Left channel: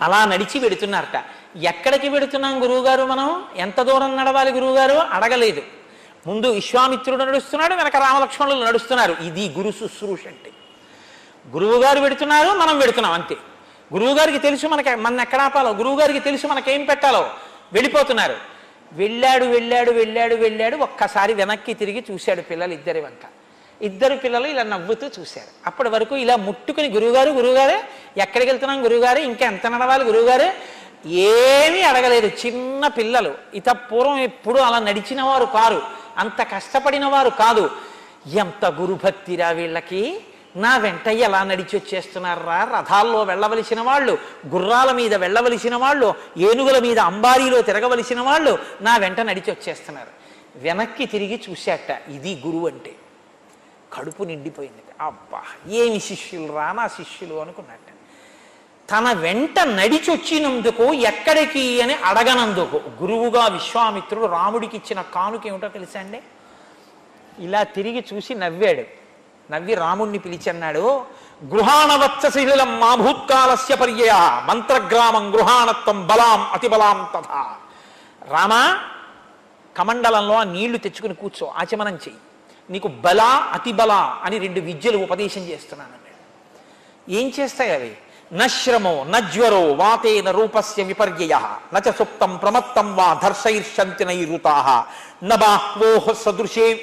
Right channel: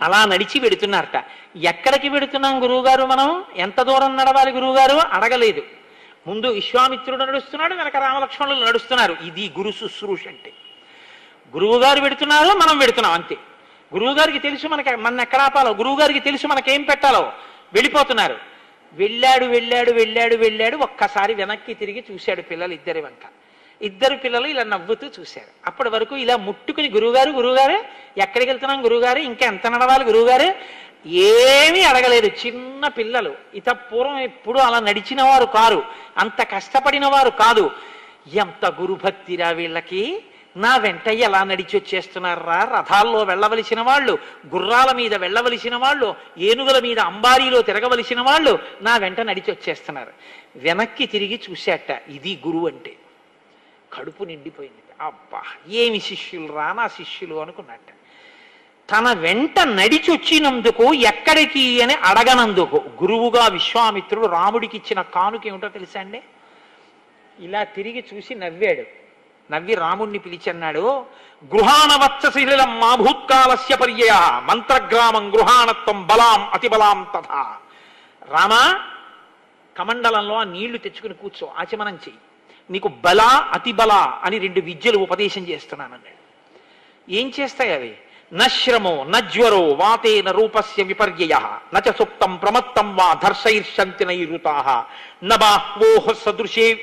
అలా నడిచి వెడుతున్నారట. ఎక్కడికి వెడుతున్నాం గురువుగారు, మనం ఎంత దూరం నడవాలి గురువుగారు అడగలేదు. ముందు విశ్వామిత్రుడు నడుస్తున్నాడు, వెనక రామలక్ష్మణులు నడుస్తున్నారు. ఇది గురు శుశ్రూష అంటే. గురువుగారు వెడుతున్నారు, మనం వెడుతున్నాం అంతే. గురువుగారికి తెలుసు మన ఎక్కడ ఆపాలో, గురువుగారికి తెలుసు మనకేం పెట్టాలో. వెళ్ళిపోతున్నారు. వెళ్ళాడు వెళ్ళాడు వెళ్ళాడు వెళ్ళాడు ఒక్కసారి వెనక్కి తిరిగి చూశాడు పిల్లలు ఇద్దరి వంక. ఇద్దరు పిల్లలు ఇలా నవ్వుతూ చూశారు. అప్పటి వరకు ఇలా ముట్టుకుని గురువుగారు గురువుగారు ఎక్కడికి వెళ్తున్నాం గురువుగారు, ఇంకా ఎంత నడవాలి గురువుగారు, ఏమీ అడగలేదు. చిన్న పిల్లలు, ఇత పూర్వం ఎప్పుడు అలా నడిచిన వారు కారు, అంత కష్టపడిన వారు కాదు. ఎంత గురుభక్తిరా వీళ్ళకి, నా వెంట ఎలా నడిచి వచ్చేస్తున్నారా, రథాల్లో వెళ్ళవలసిన వాళ్ళు, గుర్రాల మీద వెళ్ళవలసిన వాళ్ళు, ఏనుగుల మీద అంబారీలో తిరగవలసిన వాళ్ళు నా వెంట నడిచి వచ్చేస్తున్నారు. వెనక్కి తిరిగి చూశాట. ఇది గురువు అంటే. కడుపు నిండిపోయింది. అబ్బా ఏమి శిష్యులు రా నా శిష్యులు అనుకున్నట్ట. తన వెంట నడిచి వచ్చినందుకు ఎక్కడికి అని అడగనందుకు గురువుగా విశ్వామిత్రుడు రాముడికి ఇచ్చిన కానుక ఏమిటో తెలుసా అండి? ఇలా తిరిగి చూసి నవ్వాడు. నవ్వి రాముణ్ణి పిలిచి అన్నాడు, గృహాణవత్సశీలం మా భూత్కాలస్య పర్యయ మంత్రగ్రామం గృహాణత్వం బలాం అతిబలాం తథా. రామా, కమండలంలో ఆ నీళ్లు తెచ్చుకుని కూర్చో, ఆచమనం చెయ్యి, నీకు బల అతిబల అని 2 విద్యలు ఉపదేశం చేస్తున్నానన్నాడు. ఏం చేస్తాయి అవి? నశ్రమో నజ్వరో వాతేన రూపస్య విపర్యయ నచ సుప్తం ప్రమత్తం వా ధర్షైర్షంతి నైరుతాః నబాహ్వోః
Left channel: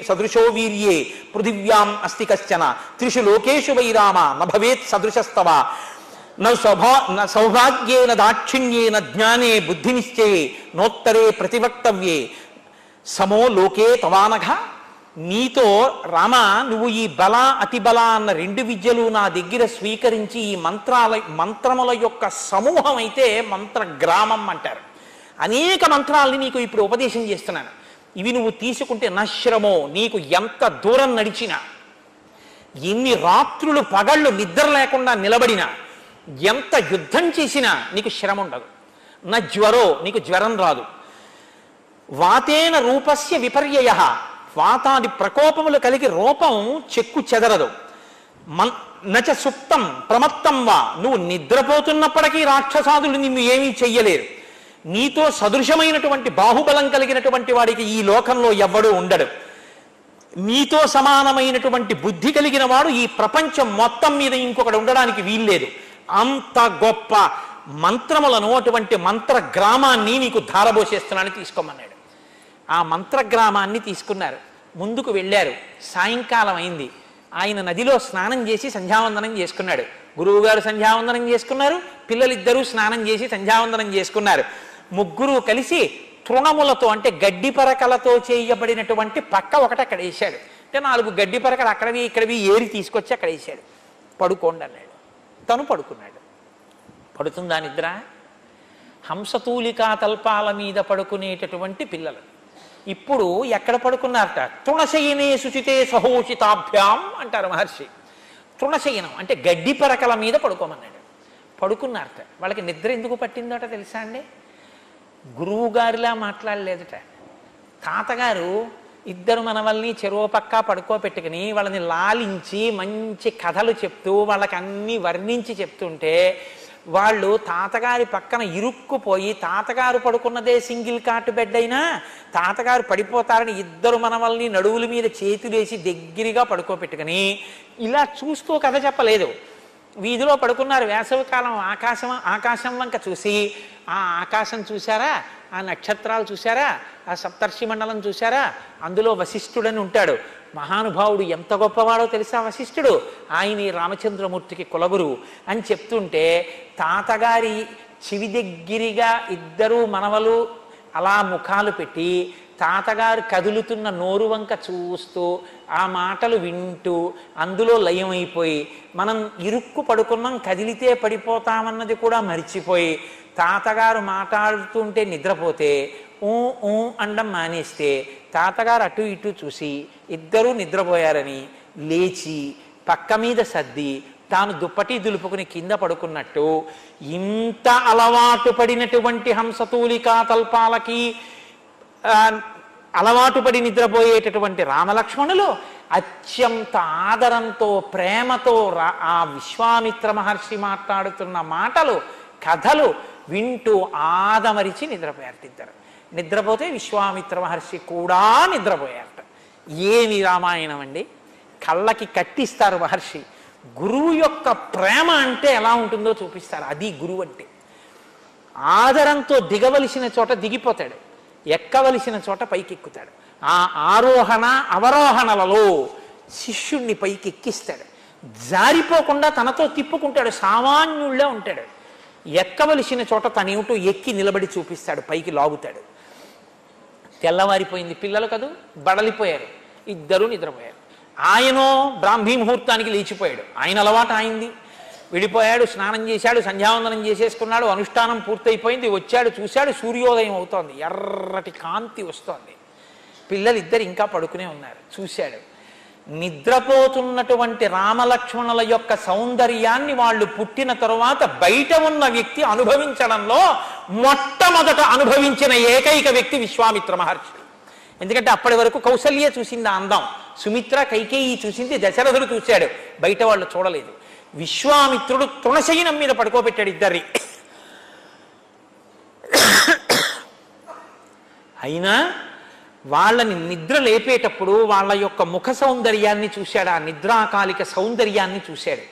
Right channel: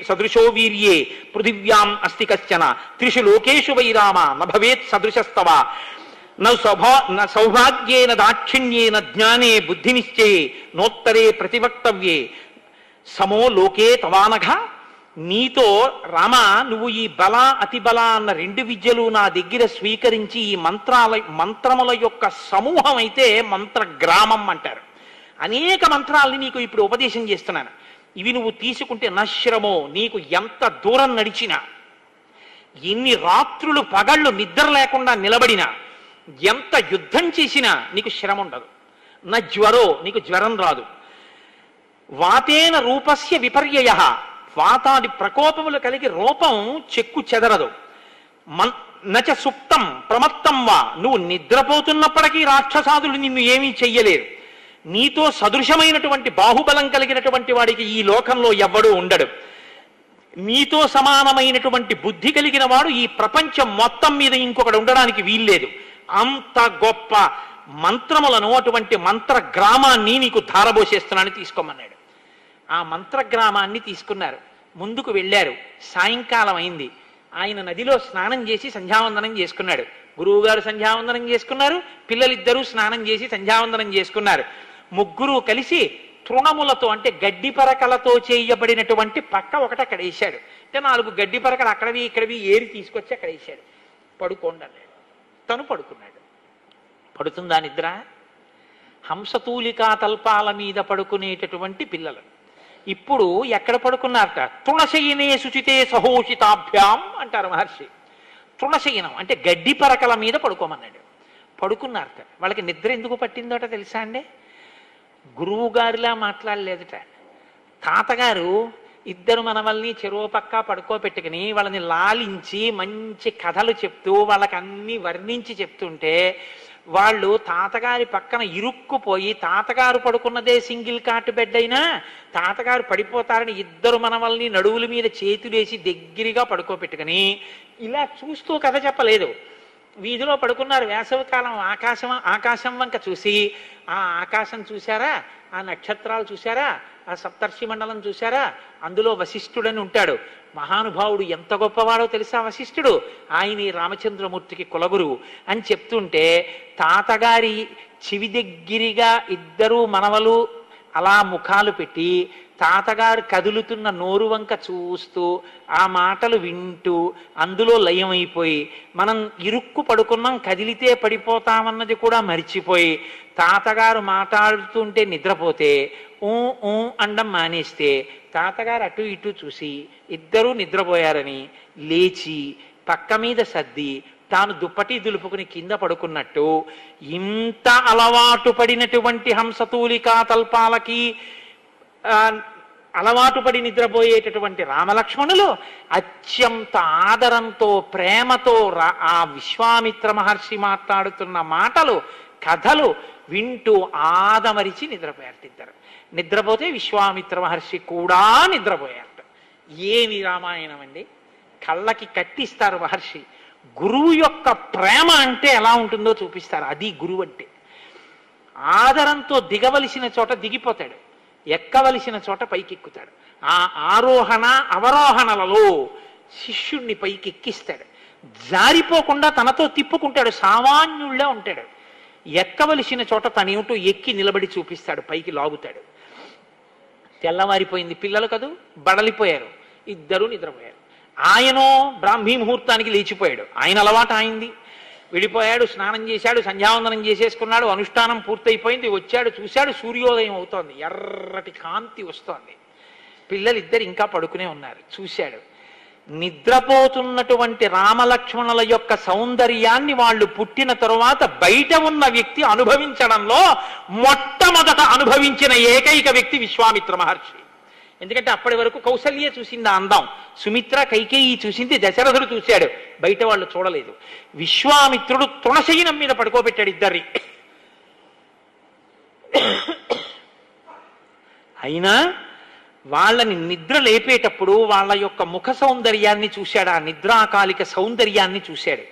సదృశో వీర్యే పృథివ్యాం అస్తి కశ్చన త్రిషు లోకేషు వై రామ నభవేత్ సదృశస్తవ న సౌభాగ్యేన దాక్షిణ్యేన జ్ఞానే బుద్ధి నిశ్చయే నోత్తరే ప్రతివక్తవ్యే సమో లోకే తవానఘ. నీతో రామ, నువ్వు ఈ బల అతిబల అన్న 2 విద్యలు నా దగ్గర స్వీకరించి ఈ మంత్రముల యొక్క సమూహం అయితే మంత్రగ్రామం అంటారు. అనేక మంత్రాలని నీకు ఇప్పుడు ఉపదేశం చేస్తున్నాను. ఇవి నువ్వు తీసుకుంటే నశ్రమో, నీకు ఎంత దూరం నడిచినా, ఎన్ని రాత్రులు పగళ్ళు నిద్ర లేకుండా నిలబడినా, ఎంత యుద్ధం చేసినా నీకు శ్రమ ఉండదు. నజ్వరో, నీకు జ్వరం రాదు. వాతేన రూపస్య విపర్యయ, వాతాది ప్రకోపములు కలిగి రూపం చెక్కు చెదరదు. నచ సుప్తం ప్రమత్తం వా, నువ్వు నిద్రపోతున్నప్పటికీ రాక్షసాదులు నిన్ను ఏమీ చెయ్యలేరు. నీతో సదృశమైనటువంటి బాహుబలం కలిగినటువంటి వాడికి ఈ లోకంలో ఎవ్వడూ ఉండడు. నీతో సమానమైనటువంటి బుద్ధి కలిగిన వాడు ఈ ప్రపంచం మొత్తం మీద ఇంకొకడు ఉండడానికి వీల్లేదు. అంత గొప్ప మంత్రములను, అటువంటి మంత్ర గ్రామాన్ని నీకు ధారబోసేస్తున్నాను, తీసుకోమన్నాడు. ఆ మంత్రగ్రామాన్ని తీసుకున్నారు. ముందుకు వెళ్ళారు. సాయంకాలం అయింది. ఆయన నదిలో స్నానం చేసి సంధ్యావందనం చేసుకున్నాడు. గురువుగారు సంధ్యావందనం చేసుకున్నారు, పిల్లలిద్దరూ స్నానం చేసి సంధ్యావందనం చేసుకున్నారు. ముగ్గురు కలిసి తృణములతో, అంటే గడ్డి పరకలతో చేయబడినటువంటి పక్క ఒకటి అక్కడ వేశాడు. అంటే 4 గడ్డి పరకలు అక్కడవి ఇక్కడవి ఏరి తీసుకొచ్చి అక్కడ వేశాడు. పడుకోండి అన్నాడు. తను పడుకున్నాడు. పడుతుందా నిద్ర? హంసతూలికా తల్పాల మీద పడుకునేటటువంటి పిల్లలు ఇప్పుడు ఎక్కడ పడుకున్నారట? తృణశయనే శుచితే సహోషితాభ్యాం అంటారు మహర్షి. తృణశయనం అంటే గడ్డి పరకల మీద పడుకోమన్నాడు. పడుకున్నారట. వాళ్ళకి నిద్ర ఎందుకు పట్టిందోట తెలుసా అండి? గురువు గారిలా మాట్లాడలేదట. తాతగారు ఇద్దరు మనవల్ని చెరువు పక్క పడుకోబెట్టుకుని వాళ్ళని లాలించి మంచి కథలు చెప్తూ వాళ్ళకి అన్ని వర్ణించి చెప్తుంటే వాళ్ళు తాతగారి పక్కన ఇరుక్కుపోయి, తాతగారు పడుకున్నదే సింగిల్ కాట్ బెడ్ అయినా తాతగారు పడిపోతారని ఇద్దరు మనవల్ని నడువుల మీద చేతులేసి దగ్గరగా పడుకోబెట్టుకుని ఇలా చూస్తూ కథ చెప్పలేదు. వీధిలో పడుకున్నారు. వేసవికాలం ఆకాశం వంక చూసి, ఆ ఆకాశం చూశారా, ఆ నక్షత్రాలు చూశారా, ఆ సప్తర్షి మండలం చూశారా, అందులో వశిష్ఠుడని ఉంటాడు. మహానుభావుడు, ఎంత గొప్పవాడో తెలుసా వశిష్ఠుడు. ఆయన రామచంద్రమూర్తికి కులగురువు అని చెప్తుంటే తాతగారి చెవి దగ్గరగా ఇద్దరు మనవలు అలా ముఖాలు పెట్టి తాతగారు కదులుతున్న నోరు వంక చూస్తూ ఆ మాటలు వింటూ అందులో లయమైపోయి, మనం ఇరుక్కు పడుకున్నాం, కదిలితే పడిపోతామన్నది కూడా మరిచిపోయి తాతగారు మాట్లాడుతుంటే నిద్రపోతే ఊ ఊ అండం మానేస్తే తాతగారు అటు ఇటు చూసి ఇద్దరూ నిద్రపోయారని లేచి పక్క మీద సర్ది తాను దుప్పటి దులుపుకుని కింద పడుకున్నట్టు ఇంత అలవాటు పడినటువంటి హంసతూలికా తల్పాలకి అలవాటు పడి నిద్రపోయేటటువంటి రామలక్ష్మణులు అత్యంత ఆదరంతో ప్రేమతో ఆ విశ్వామిత్ర మహర్షి మాట్లాడుతున్న మాటలు కథలు వింటూ ఆదమరిచి నిద్రపోయారు ఇద్దరు. నిద్రపోతే విశ్వామిత్ర మహర్షి కూడా నిద్రపోయారట. ఏమి రామాయణం అండి! కళ్ళకి కట్టిస్తారు మహర్షి. గురువు యొక్క ప్రేమ అంటే ఎలా ఉంటుందో చూపిస్తారు. అది గురువు అంటే. ఆదరంతో దిగవలసిన చోట దిగిపోతాడు, ఎక్కవలసిన చోట పైకెక్కుతాడు. ఆ ఆరోహణ అవరోహణలలో శిష్యుణ్ణి పైకి ఎక్కిస్తాడు. జారిపోకుండా తనతో తిప్పుకుంటాడు. సామాన్యుళ్ళే ఉంటాడు. ఎక్కవలసిన చోట తనేమిటో ఎక్కి నిలబడి చూపిస్తాడు, పైకి లాగుతాడు. తెల్లవారిపోయింది. పిల్లలు కదూ బడలిపోయారు. ఇద్దరూ నిద్రపోయారు. ఆయనో బ్రాహ్మీ ముహూర్తానికి లేచిపోయాడు. ఆయన అలవాటు అయింది. వెళ్ళిపోయాడు, స్నానం చేశాడు, సంధ్యావందనం చేసేసుకున్నాడు. అనుష్ఠానం పూర్తయిపోయింది. వచ్చాడు, చూశాడు, సూర్యోదయం అవుతోంది. ఎర్రటి కాంతి వస్తోంది. పిల్లలిద్దరు ఇంకా పడుకునే ఉన్నారు. చూశాడు. నిద్రపోతున్నటువంటి రామలక్ష్మణుల యొక్క సౌందర్యాన్ని వాళ్ళు పుట్టిన తరువాత బయట ఉన్న వ్యక్తి అనుభవించడంలో మొట్టమొదట అనుభవించిన ఏకైక వ్యక్తి విశ్వామిత్ర మహర్షి. ఎందుకంటే అప్పటి వరకు కౌసల్యే చూసింది ఆ అందం, సుమిత్ర కైకేయి చూసింది, దశరథుడు చూశాడు, బయట వాళ్ళు చూడలేదు. విశ్వామిత్రుడు తృణశయనం మీద పడుకోబెట్టాడు ఇద్దరిని. అయినా వాళ్ళని నిద్ర లేపేటప్పుడు వాళ్ళ యొక్క ముఖ సౌందర్యాన్ని చూశాడు. ఆ నిద్రాకాలిక సౌందర్యాన్ని చూశాడు.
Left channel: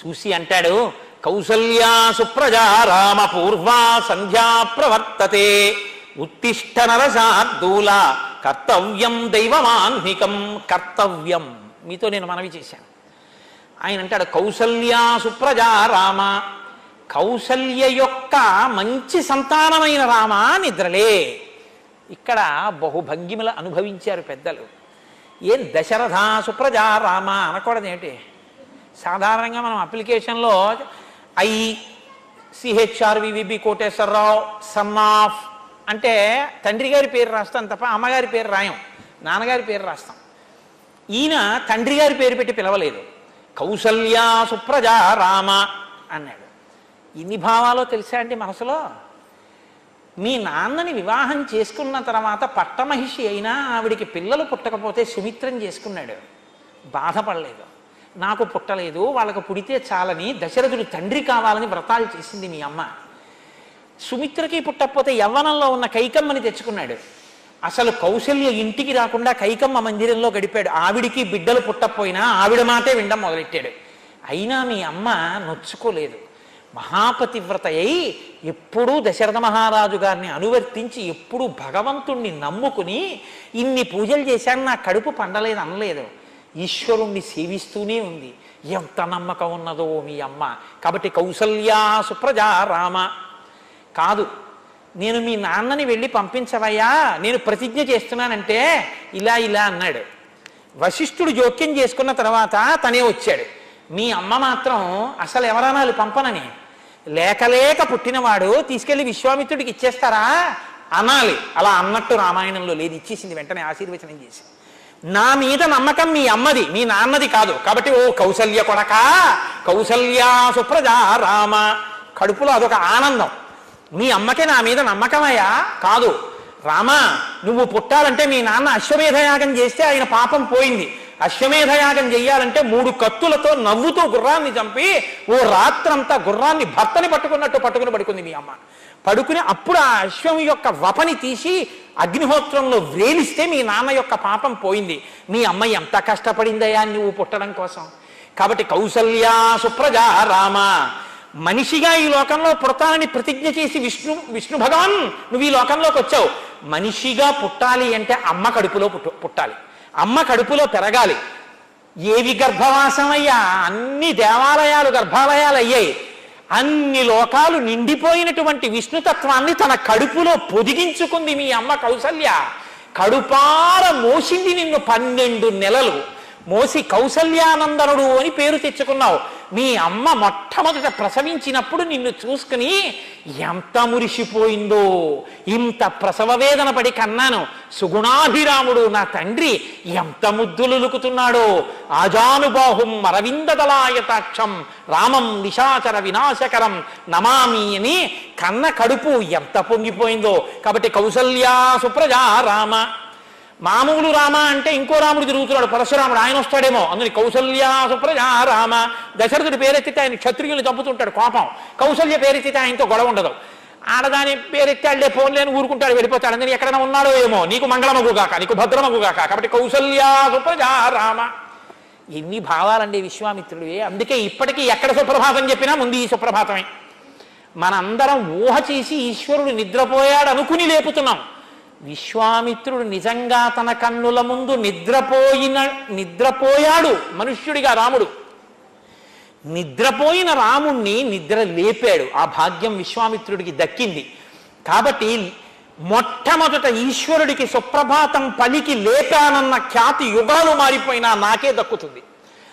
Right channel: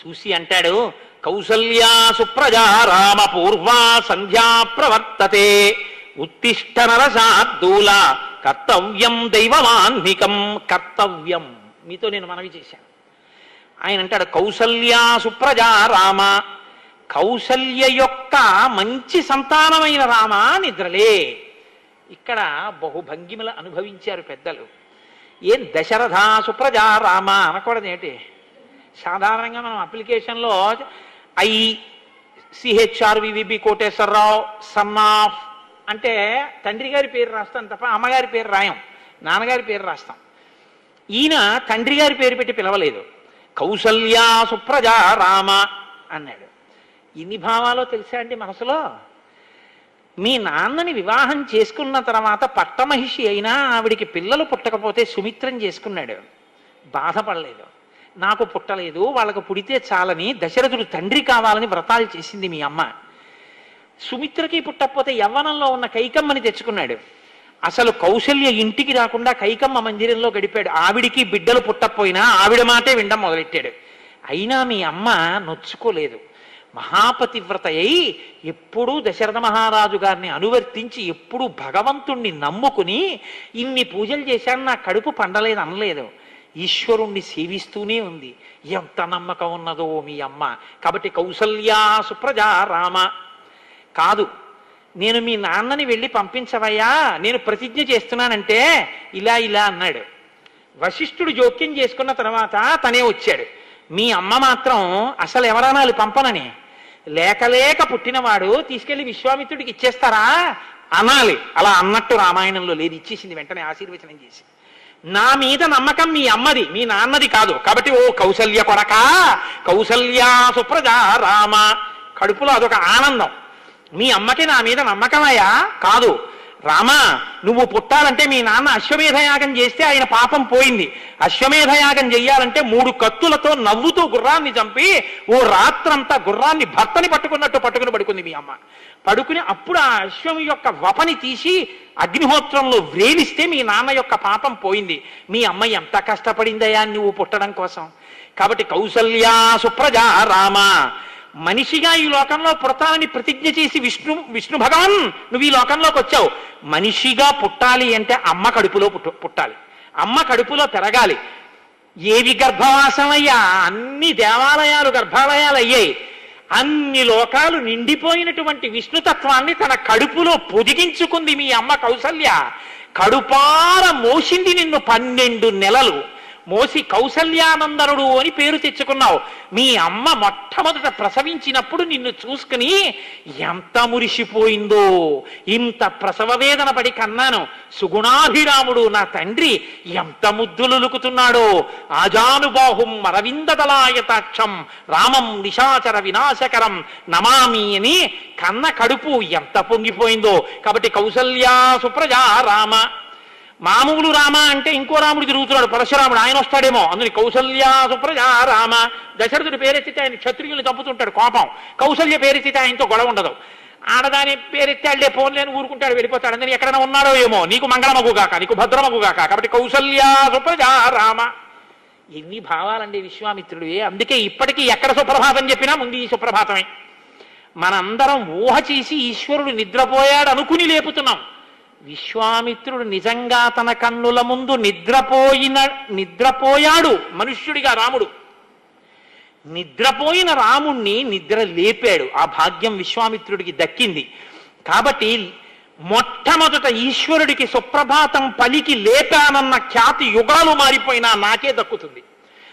చూసి అంటాడు, కౌసల్యా సుప్రజా రామ పూర్వా సంధ్యా ప్రవర్తతే ఉత్తిష్ట నరశార్దూల కర్తవ్యం దైవమాన్నికం. కర్తవ్యం మీతో నేను మనవి చేశాను. ఆయన అంటాడు, కౌసల్యా సుప్రజా రామ, కౌసల్య యొక్క మంచి సంతానమైన రామ నిద్రలే. ఇక్కడ బహుభంగిమలు అనుభవించారు పెద్దలు. ఏం దశరథ సుప్రజా రామ అనకూడదు ఏంటి? సాధారణంగా మనం అప్లికేషన్లో ICHRVVB కోటేశ్వరరావు సన్ ఆఫ్ అంటే తండ్రి గారి పేరు రాస్తాం తప్ప అమ్మగారి పేరు రాయం, నాన్నగారి పేరు రాస్తాం. ఈయన తండ్రి గారి పేరు పెట్టి పిలవలేదు, కౌసల్యా సుప్రజా రామ అన్నాడు. ఇన్ని భావాలో తెలుసా అండి మనసులో? మీ నాన్నని వివాహం చేసుకున్న తర్వాత పట్టమహిషి అయినా ఆవిడికి పిల్లలు పుట్టకపోతే సుమిత్రం చేసుకున్నాడు, బాధపడలేదు. నాకు పుట్టలేదు, వాళ్ళకు పుడితే చాలని దశరథుడు తండ్రి కావాలని వ్రతాలు చేసింది మీ అమ్మ. సుమిత్రకి పుట్టకపోతే యవ్వనంలో ఉన్న కైకమ్మని తెచ్చుకున్నాడు. అసలు కౌసల్య ఇంటికి రాకుండా కైకమ్మ మందిరంలో గడిపాడు. ఆవిడికి బిడ్డలు పుట్టకపోయినా ఆవిడ మాటే వినడం మొదలెట్టాడు. అయినా మీ అమ్మ నొచ్చుకోలేదు. మహాపతివ్రత అయి ఎప్పుడూ దశరథ మహారాజు గారిని అనువర్తించి ఎప్పుడూ భగవంతుణ్ణి నమ్ముకుని ఇన్ని పూజలు చేశాను, నా కడుపు పండలేదు అనలేదు. ఈశ్వరుణ్ణి సేవిస్తూనే ఉంది. ఎంత నమ్మకం ఉన్నదో మీ అమ్మ. కాబట్టి కౌసల్యా సుప్రజా రామ కాదు, నేను మీ నాన్నని వెళ్ళి పంపించవయ్యా, నేను ప్రతిజ్ఞ చేస్తున్నానంటే ఇలా ఇలా అన్నాడు. వశిష్ఠుడు జోక్యం చేసుకున్న తర్వాత తనే వచ్చాడు. మీ అమ్మ మాత్రం అసలు ఎవరనాలి పంపనని, లేక లేక పుట్టినవాడు తీసుకెళ్లి విశ్వామిత్రుడికి ఇచ్చేస్తారా అనాలి. అలా అన్నట్టు రామాయణంలో లేదు, ఇచ్చేసింది వెంటనే ఆశీర్వచనం చేసి. నా మీద నమ్మకం మీ అమ్మది, మీ నాన్నది కాదు. కాబట్టి ఓ కౌసల్య కొడక, కౌసల్యా సుప్రజా రామ. కడుపులో అదొక ఆనందం. మీ అమ్మకి నా మీద నమ్మకమయ్యా కాదు. రామ, నువ్వు పుట్టాలంటే మీ నాన్న అశ్వమేధయాగం చేస్తే ఆయన పాపం పోయింది. అశ్వమేధయాగం చెయ్యాలంటే 3 కత్తులతో నవ్వుతూ గుర్రాన్ని చంపి ఓ రాత్రంతా గుర్రాన్ని భర్తని పట్టుకున్నట్టు పట్టుకుని పడుకుంది మీ అమ్మ. పడుకుని అప్పుడు ఆ అశ్వం యొక్క వపని తీసి అగ్నిహోత్రంలో వ్రేలిస్తే మీ నాన్న యొక్క పాపం పోయింది. మీ అమ్మ ఎంత కష్టపడిందయా నువ్వు పుట్టడం కోసం. కాబట్టి కౌసల్యా సుప్రజా రామ, మనిషిగా ఈ లోకంలో పుడతానని ప్రతిజ్ఞ చేసి విష్ణు భగవాన్ నువ్వు ఈ లోకంలోకి వచ్చావు. మనిషిగా పుట్టాలి అంటే అమ్మ కడుపులో పుట్టాలి, అమ్మ కడుపులో పెరగాలి. ఏవి గర్భవాసమయ్యా, అన్ని దేవాలయాలు గర్భాలయాలు అయ్యాయి. అన్ని లోకాలు నిండిపోయినటువంటి విష్ణుతత్వాన్ని తన కడుపులో పొదిగించుకుంది మీ అమ్మ కౌసల్య. కడుపార మోసింది నిన్ను 12 నెలలు మోసి కౌసల్యానందనుడు అని పేరు తెచ్చుకున్నావు. మీ అమ్మ మొట్టమొదట ప్రసవించినప్పుడు నిన్ను చూసుకుని ఎంత మురిసిపోయిందో. ఇంత ప్రసవ వేదన పడి కన్నాను, సుగుణాభిరాముడు నా తండ్రి ఎంత ముద్దులులుకుతున్నాడో. ఆజానుబాహుం అరవిందదలాయతాక్షం రామం నిశాచర వినాశకరం నమామి అని కన్న కడుపు ఎంత పొంగిపోయిందో. కాబట్టి కౌసల్యా సుప్రజా రామ. మామూలు రామ అంటే ఇంకో రాముడు తిరుగుతున్నాడు పరశురాముడు, ఆయన వస్తాడేమో. అందుని కౌసల్యా సుప్రజా రామ. దశరథుడి పేరెత్తితే ఆయన క్షత్రియులు తప్పుతుంటాడు కోపం, కౌసల్య పేరెత్తితే ఆయనతో గొడవ ఉండదు. ఆడదాని పేరెత్తాడులే ఫోన్ లేని ఊరుకుంటాడు, వెళ్ళిపోతాడు. అందుకని ఎక్కడైనా ఉన్నాడో ఏమో, నీకు మంగళమగుగాక, నీకు భద్రమగుగాక. కాబట్టి కౌసల్యా సుప్రజా రామ. ఎన్ని భావాలండి విశ్వామిత్రుడివి. అందుకే ఇప్పటికీ ఎక్కడ సుప్రభాతం చెప్పినా ముందు ఈ సుప్రభాతమే. మనందరం ఊహ చేసి ఈశ్వరుడు నిద్రపోయాడు అనుకుని లేపుతున్నాం. విశ్వామిత్రుడు నిజంగా తన కన్నుల ముందు నిద్రపోయాడు మనుష్యుడిగా. రాముడు నిద్రపోయిన రాముణ్ణి నిద్ర లేపాడు. ఆ భాగ్యం విశ్వామిత్రుడికి దక్కింది. కాబట్టి మొట్టమొదట ఈశ్వరుడికి సుప్రభాతం పలికి లేపానన్న ఖ్యాతి యుగాలు మారిపోయినా నాకే దక్కుతుంది.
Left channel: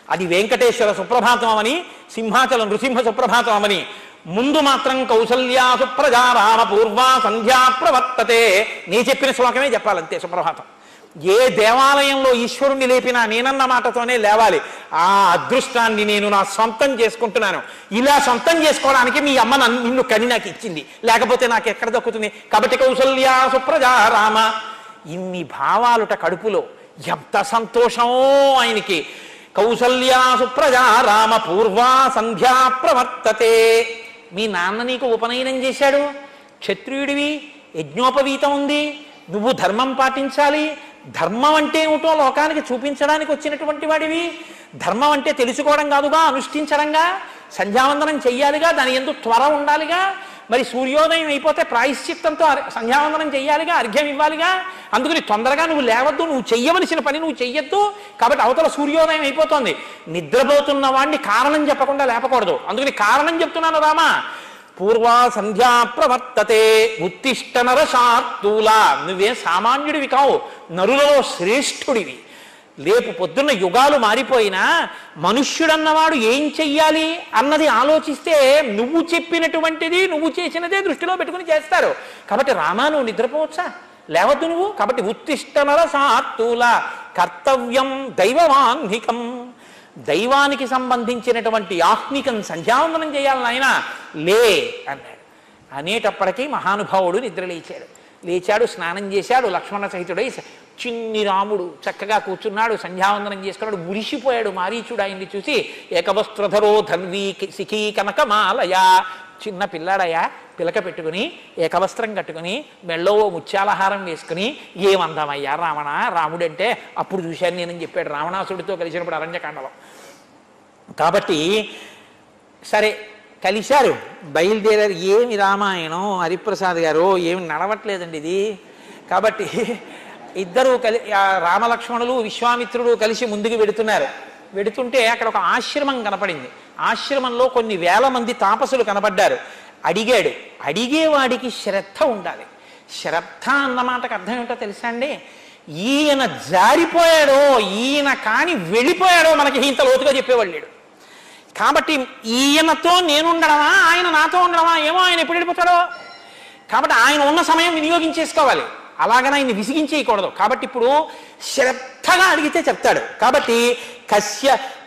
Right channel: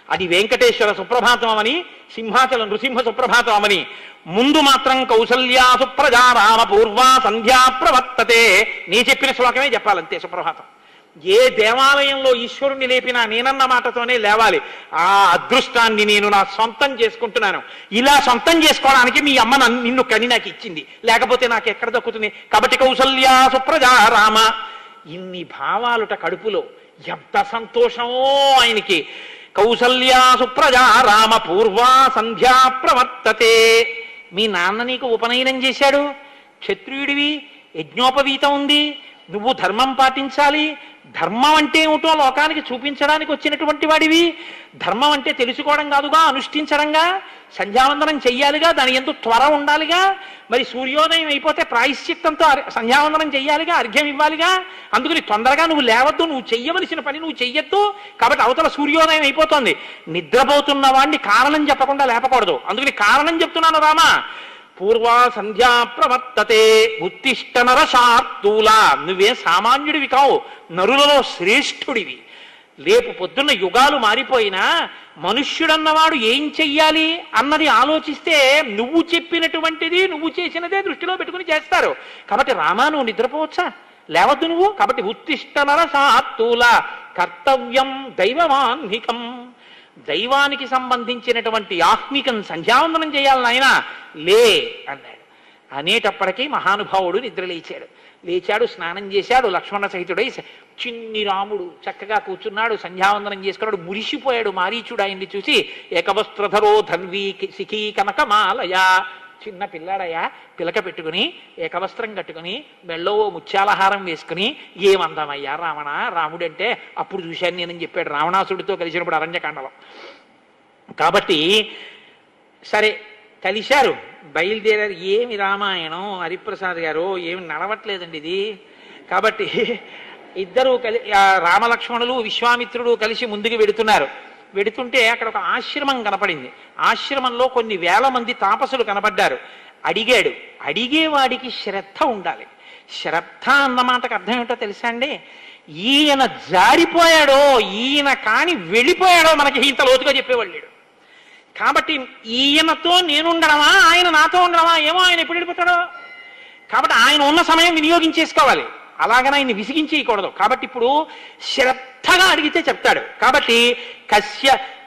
అది వెంకటేశ్వర సుప్రభాతం అని, సింహాచల నృసింహ సుప్రభాతం అని. ముందు మాత్రం కౌసల్యా సుప్రజా రామ పూర్వా సంధ్యా ప్రవర్తతే. నీ చెప్పిన శ్లోకమే చెప్పాలంతే సుప్రభాతం. ఏ దేవాలయంలో ఈశ్వరుణ్ణి లేపినా నేనన్న మాటతోనే లేవాలి. ఆ అదృష్టాన్ని నేను నా సొంతం చేసుకుంటున్నాను. ఇలా సొంతం చేసుకోవడానికి మీ అమ్మ నిన్ను కని నాకు ఇచ్చింది, లేకపోతే నాకు ఎక్కడ దక్కుతుంది. కాబట్టి కౌసల్యా సుప్రజా రామ. ఇన్ని భావాలుట కడుపులో, ఎంత సంతోషమో ఆయనకి. కౌసల్యా సుప్రజా రామ పూర్వా సంధ్యా ప్రవర్తతే. మీ నాన్న నీకు ఉపనయనం చేశాడు, క్షత్రియుడివి, యజ్ఞోపవీతం ఉంది, నువ్వు ధర్మం పాటించాలి. ధర్మం అంటే ఏమిటో లోకానికి చూపించడానికి వచ్చినటువంటి వాడివి. ధర్మం అంటే తెలుసుకోవడం కాదుగా, అనుష్ఠించడంగా. సంధ్యావందనం చెయ్యాలిగా, దాని ఎందుకు త్వర ఉండాలిగా. మరి సూర్యోదయం అయిపోతే ప్రాయశ్చిత్తంతో సంధ్యావందనం చెయ్యాలిగా, అర్ఘ్యం ఇవ్వాలిగా. అందుకని తొందరగా నువ్వు లేవద్దు, నువ్వు చెయ్యవలసిన పని నువ్వు చెయ్యొద్దు. కాబట్టి అవతల సూర్యోదయం అయిపోతుంది. నిద్రపోతున్న వాడిని కారణం చెప్పకుండా లేపకూడదు. అందుకని కారణం చెప్తున్నాను రామా. పూర్వా సంధ్యా ప్రవర్తతే ఉత్తిష్ట నరశార్దూల. నువ్వే సామాన్యుడివి కావు, నరులలో శ్రేష్ఠుడివి. రేపు పొద్దున్న యుగాలు మారిపోయినా మనుష్యుడన్నవాడు ఏం చెయ్యాలి అన్నది ఆలోచిస్తే నువ్వు చెప్పినటువంటిది నువ్వు చేసినదే దృష్టిలో పెట్టుకుని చేస్తారు. కాబట్టి రామా నువ్వు నిద్రపోవచ్చా, లేవద్దు నువ్వు. కాబట్టి ఉత్తిష్ట నరశార్దూల కర్తవ్యం దైవవాన్నికం. దైవానికి సంబంధించినటువంటి ఆత్మికం సంధ్యావందనం చేయాలి నాయన, లే అన్నాడు. అనేటప్పటికీ మహానుభావుడు నిద్ర లేచాడు, స్నానం చేశాడు, లక్ష్మణ సహితుడై. చిన్ని రాముడు చక్కగా కూర్చున్నాడు, సంధ్యావందనం చేసుకున్నాడు. మురిసిపోయాడు మారీచుడు ఆయన్ని చూసి. ఏకవస్త్రధరో ధన్వీ శిఖీ కనకమాలయ. చిన్న పిల్లాడయ్యా, పిలక పెట్టుకుని ఏకవస్త్రం కట్టుకుని మెళ్ళో ముత్యాలహారం వేసుకుని, ఏమందామయ్యా రావణ, రాముడంటే అప్పుడు చూశాను నేనని చెప్పాడు రావణాసుడితో కలిసినప్పుడు అరణ్యకాండలో. కాబట్టి సరే కలిశారు, బయలుదేరారు. ఏమి రామాయణం హరిప్రసాద్ గారు, ఏమి నడవట్లేదండి ఇది. కాబట్టి ఇద్దరు రామలక్ష్మణులు విశ్వామిత్రుడు కలిసి ముందుకు వెడుతుంటే అక్కడ ఒక ఆశ్రమం కనపడింది. ఆశ్రమంలో కొన్ని వేల మంది తాపసులు కనపడ్డారు. అడిగేవాడికి శ్రద్ధ ఉండాలి. శ్రద్ధ అన్నమాటకు అర్థం ఏమిటో తెలుసా అండి? ఈయన జారిపోయాడో, ఈయన కాని వెళ్ళిపోయాడో మనకి ఇంత లోతుగా చెప్పేవాళ్ళు లేడు. కాబట్టి ఈయనతో నేనుండడమా, ఆయన నాతో ఉండడమా, ఏమో ఆయన ఎప్పుడు వెళ్ళిపోతాడో. కాబట్టి ఆయన ఉన్న సమయం వినియోగించేసుకోవాలి, అలాగనే ఆయన విసిగించేయకూడదు. కాబట్టి ఇప్పుడు శ్రద్ధగా అడిగితే చెప్తాడు. కాబట్టి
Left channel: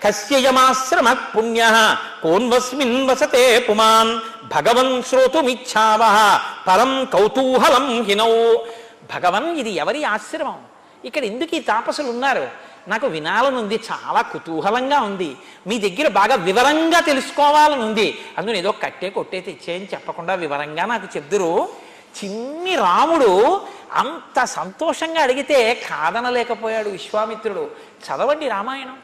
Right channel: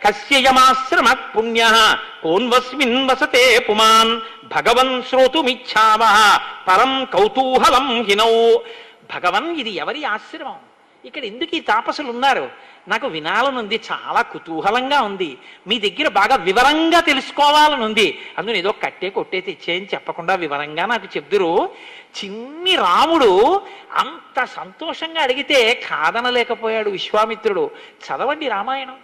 కస్యయమాశ్రమ పుణ్య కోన్వస్మిన్ వసతే పుమాన్ భగవన్ శ్రోతుమిచ్చావ పరం కౌతూహలం హినౌ. భగవన్, ఇది ఎవరి ఆశ్రమం, ఇక్కడ ఎందుకు ఈ తాపసులు ఉన్నారు, నాకు వినాలనుంది, చాలా కుతూహలంగా ఉంది, మీ దగ్గర బాగా వివరంగా తెలుసుకోవాలని ఉంది. అందులో ఏదో కట్టే కొట్టే తెచ్చేయని చెప్పకుండా వివరంగా నాకు చెప్దురు. చిన్ని రాముడు అంత సంతోషంగా అడిగితే కాదనలేకపోయాడు విశ్వామిత్రుడు. చదవండి రామాయణం,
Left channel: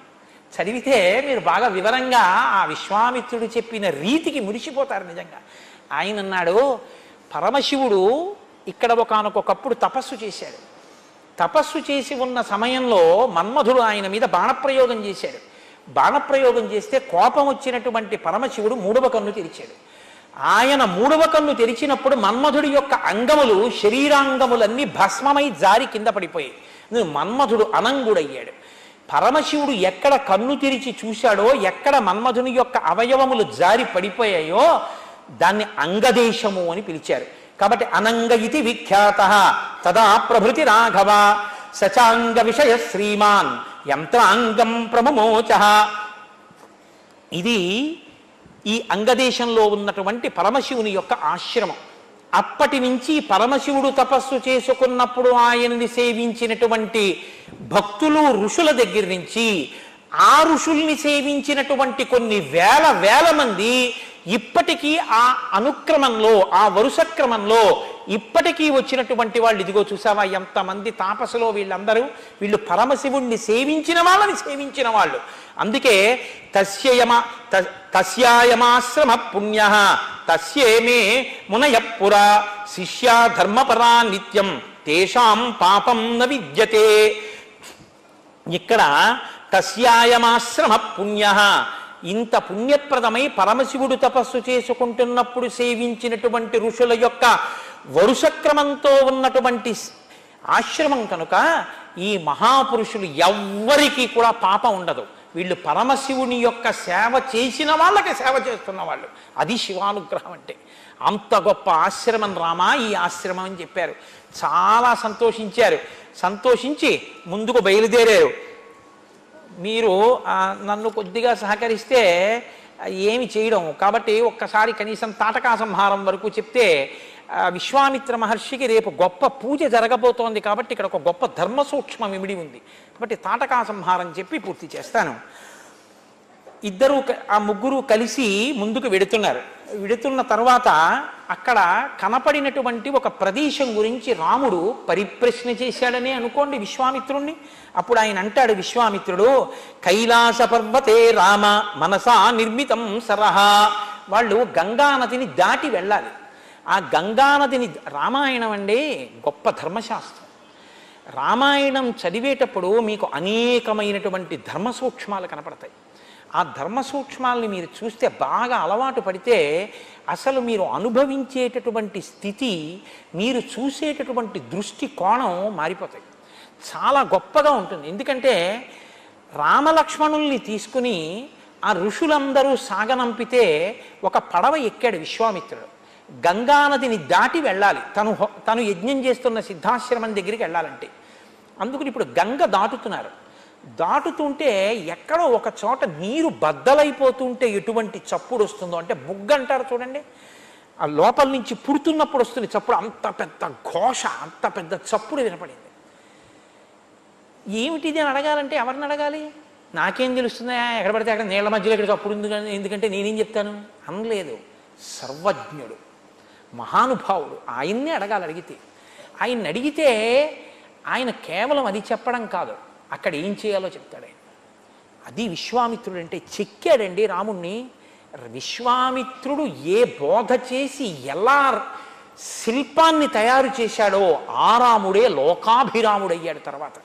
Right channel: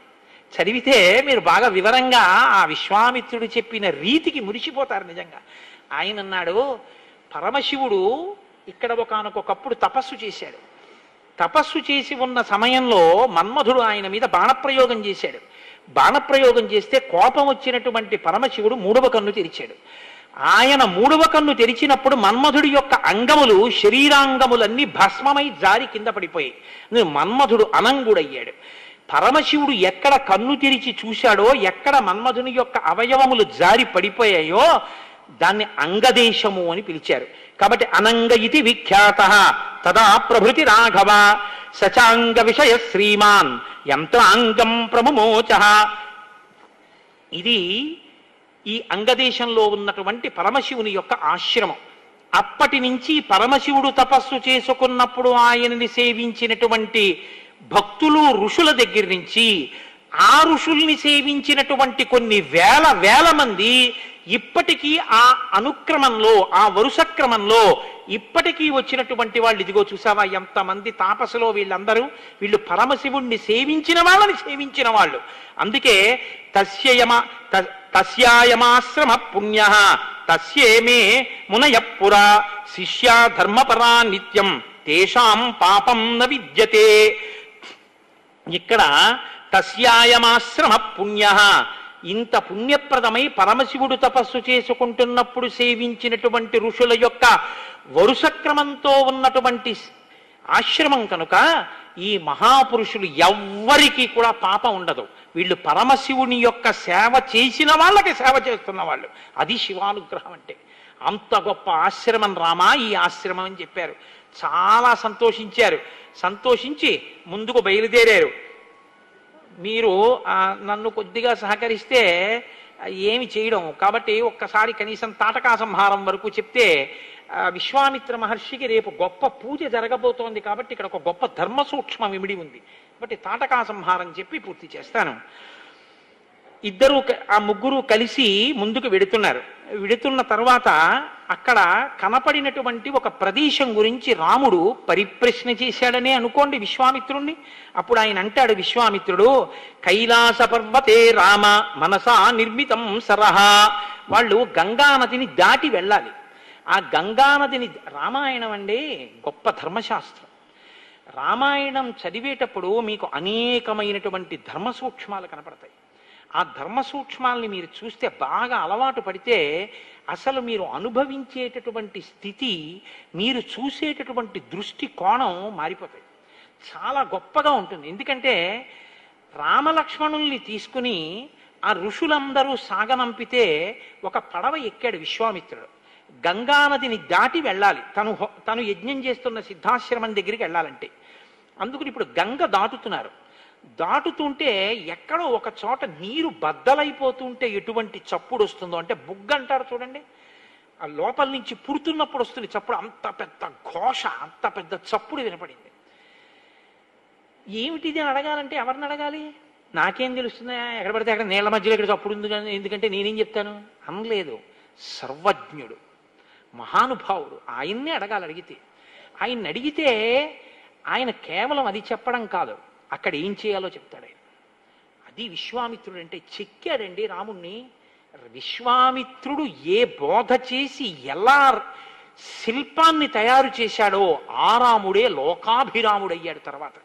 చదివితే మీరు బాగా వివరంగా ఆ విశ్వామిత్రుడు చెప్పిన రీతికి మురిసిపోతారు నిజంగా. ఆయన అన్నాడు, పరమశివుడు ఇక్కడ ఒకానొకప్పుడు తపస్సు చేశాడు. తపస్సు చేసి ఉన్న సమయంలో మన్మధుడు ఆయన మీద బాణప్రయోగం చేశాడు. బాణప్రయోగం చేస్తే కోపం వచ్చినటువంటి పరమశివుడు మూడవ కన్ను తెరిచాడు. ఆయన మూడవ కన్ను తెరిచినప్పుడు మన్మధుడి యొక్క అంగములు, శరీరాంగములన్నీ భస్మమై జారి కింద పడిపోయి మన్మధుడు అనంగుడయ్యాడు. పరమశివుడు ఎక్కడ కన్ను తెరిచి చూశాడో, ఎక్కడ మన్మధుని యొక్క అవయవములు జారి పడిపోయాయో దాన్ని అంగదేశము అని పిలిచారు. కాబట్టి అనంగ ఇది విఖ్యాత తదా ప్రభృతి రాఘవ సచాంగ విషయ శ్రీమాన్ యంత్రాంగం ప్రమమోచ. ఇది ఈ అంగదేశంలో ఉన్నటువంటి పరమశివుని యొక్క ఆశ్రమం. అప్పటి నుంచి పరమశివుడు తపస్సు చేసుకున్నప్పుడు ఆయనని సేవించినటువంటి భక్తులు ఋషుల దగ్గర నుంచి ఆ ఋషుల్ని సేవించినటువంటి కొన్ని వేల మంది ఇప్పటికీ ఆ అనుక్రమంలో, ఆ వరుస క్రమంలో ఇప్పటికీ వచ్చినటువంటి వాళ్ళు, ఇదిగో చూసావా ఎంతమంది తాపసులో వీళ్ళందరూ, వీళ్ళు పరమశివుణ్ణి సేవించిన వాళ్ళని సేవించిన వాళ్ళు. అందుకే తస్యాయమాశ్రమ పుణ్య తస్యేమే మునయపురా శిష్యా ధర్మపరా నిత్యం తేషాం పాపం న విద్యతే. ఇక్కడ తస్యాయమాశ్రమ పుణ్య, ఇంత పుణ్యప్రదమై పరమశివుడు తపస్సు చేసుకుంటున్నప్పుడు సేవించినటువంటి ఋషుల యొక్క వరుస క్రమంతో ఉన్నటువంటి ఆశ్రమం కనుక ఈ మహాపురుషులు ఎవ్వరికీ కూడా పాపం ఉండదు. వీళ్ళు పరమశివుని యొక్క సేవ చేసిన వాళ్ళకి సేవ చేస్తున్న వాళ్ళు. అది శివానుగ్రహం అంటే. అంత గొప్ప ఆశ్రమం రామా ఈ ఆశ్రమం అని చెప్పారు. చాలా సంతోషించారు. సంతోషించి ముందుకు బయలుదేరారు. మీరు నన్ను కొద్దిగా సహకరిస్తే ఏమి చేయడం, కాబట్టి ఒక్కసారి కనీసం తాటకా సంహారం వరకు చెప్తే, విశ్వామిత్ర మహర్షికి రేపు గొప్ప పూజ జరగబోతోంది కాబట్టి ఇక్కడ ఒక గొప్ప ధర్మ సూక్ష్మం ఇమిడి ఉంది. కాబట్టి తాటకా సంహారం చెప్పి పూర్తి చేస్తాను. ఆ ముగ్గురు కలిసి ముందుకు వెడుతున్న తర్వాత అక్కడ కనపడినటువంటి ఒక ప్రదేశం గురించి రాముడు పరిప్రశ్న చేశాడని అనుకోండి విశ్వామిత్రుణ్ణి. అప్పుడు ఆయన అంటాడు విశ్వామిత్రుడు, కైలాస పర్వతే రామ మనసా నిర్మితం సరహ. వాళ్ళు గంగానదిని దాటి వెళ్ళాలి. ఆ గంగానదిని, రామాయణం అండి గొప్ప ధర్మశాస్త్రం. రామాయణం చదివేటప్పుడు మీకు అనేకమైనటువంటి ధర్మ సూక్ష్మాలు కనపడతాయి. ఆ ధర్మ సూక్ష్మాలని మీరు చూస్తే, బాగా అలవాటు పడితే అసలు మీరు అనుభవించేటటువంటి స్థితి, మీరు చూసేటటువంటి దృష్టి కోణం మారిపోతాయి. చాలా గొప్పగా ఉంటుంది. ఎందుకంటే రామలక్ష్మణుల్ని తీసుకుని ఆ ఋషులందరూ సాగనంపితే ఒక పడవ ఎక్కాడు విశ్వామిత్రుడు. గంగానదిని దాటి వెళ్ళాలి. తను యజ్ఞం చేస్తున్న సిద్ధాశ్రమం దగ్గరికి వెళ్ళాలంటే. అందుకని ఇప్పుడు గంగ దాటుతున్నారు. దాటుతుంటే ఎక్కడో ఒక చోట నీరు బద్దలైపోతుంటే ఎటువంటి చప్పుడు వస్తుందో, అంటే బుగ్గ అంటారు చూడండి, ఆ లోపల నుంచి పుడుతున్నప్పుడు వస్తుంది చప్పుడు. అంత పెద్ద ఘోష, అంత పెద్ద చప్పుడు వినపడింది. ఏమిటిది అని అడగాలంటే ఎవరిని అడగాలి? నాకేం తెలుస్తుందా, ఎక్కడ పడితే అక్కడ నీళ్ల మధ్యలో ఇక్కడ చప్పుడు ఎందుకంటే నేనేం చెప్తాను అనలేదు. సర్వజ్ఞుడు, మహానుభావుడు, ఆయన్నే అడగాలి. ఆయన్ని అడిగితే ఆయన కేవలం అది చెప్పడం కాదు, అక్కడ ఏం చేయాలో చెప్తాడు ఆయన. అది విశ్వామిత్రుడు అంటే. చెక్కాడండి రాముణ్ణి. విశ్వామిత్రుడు ఏ బోధ చేసి ఎలా శిల్పాన్ని తయారు చేశాడో ఆ రాముడే లోకాభిరాముడయ్యాడు తర్వాత.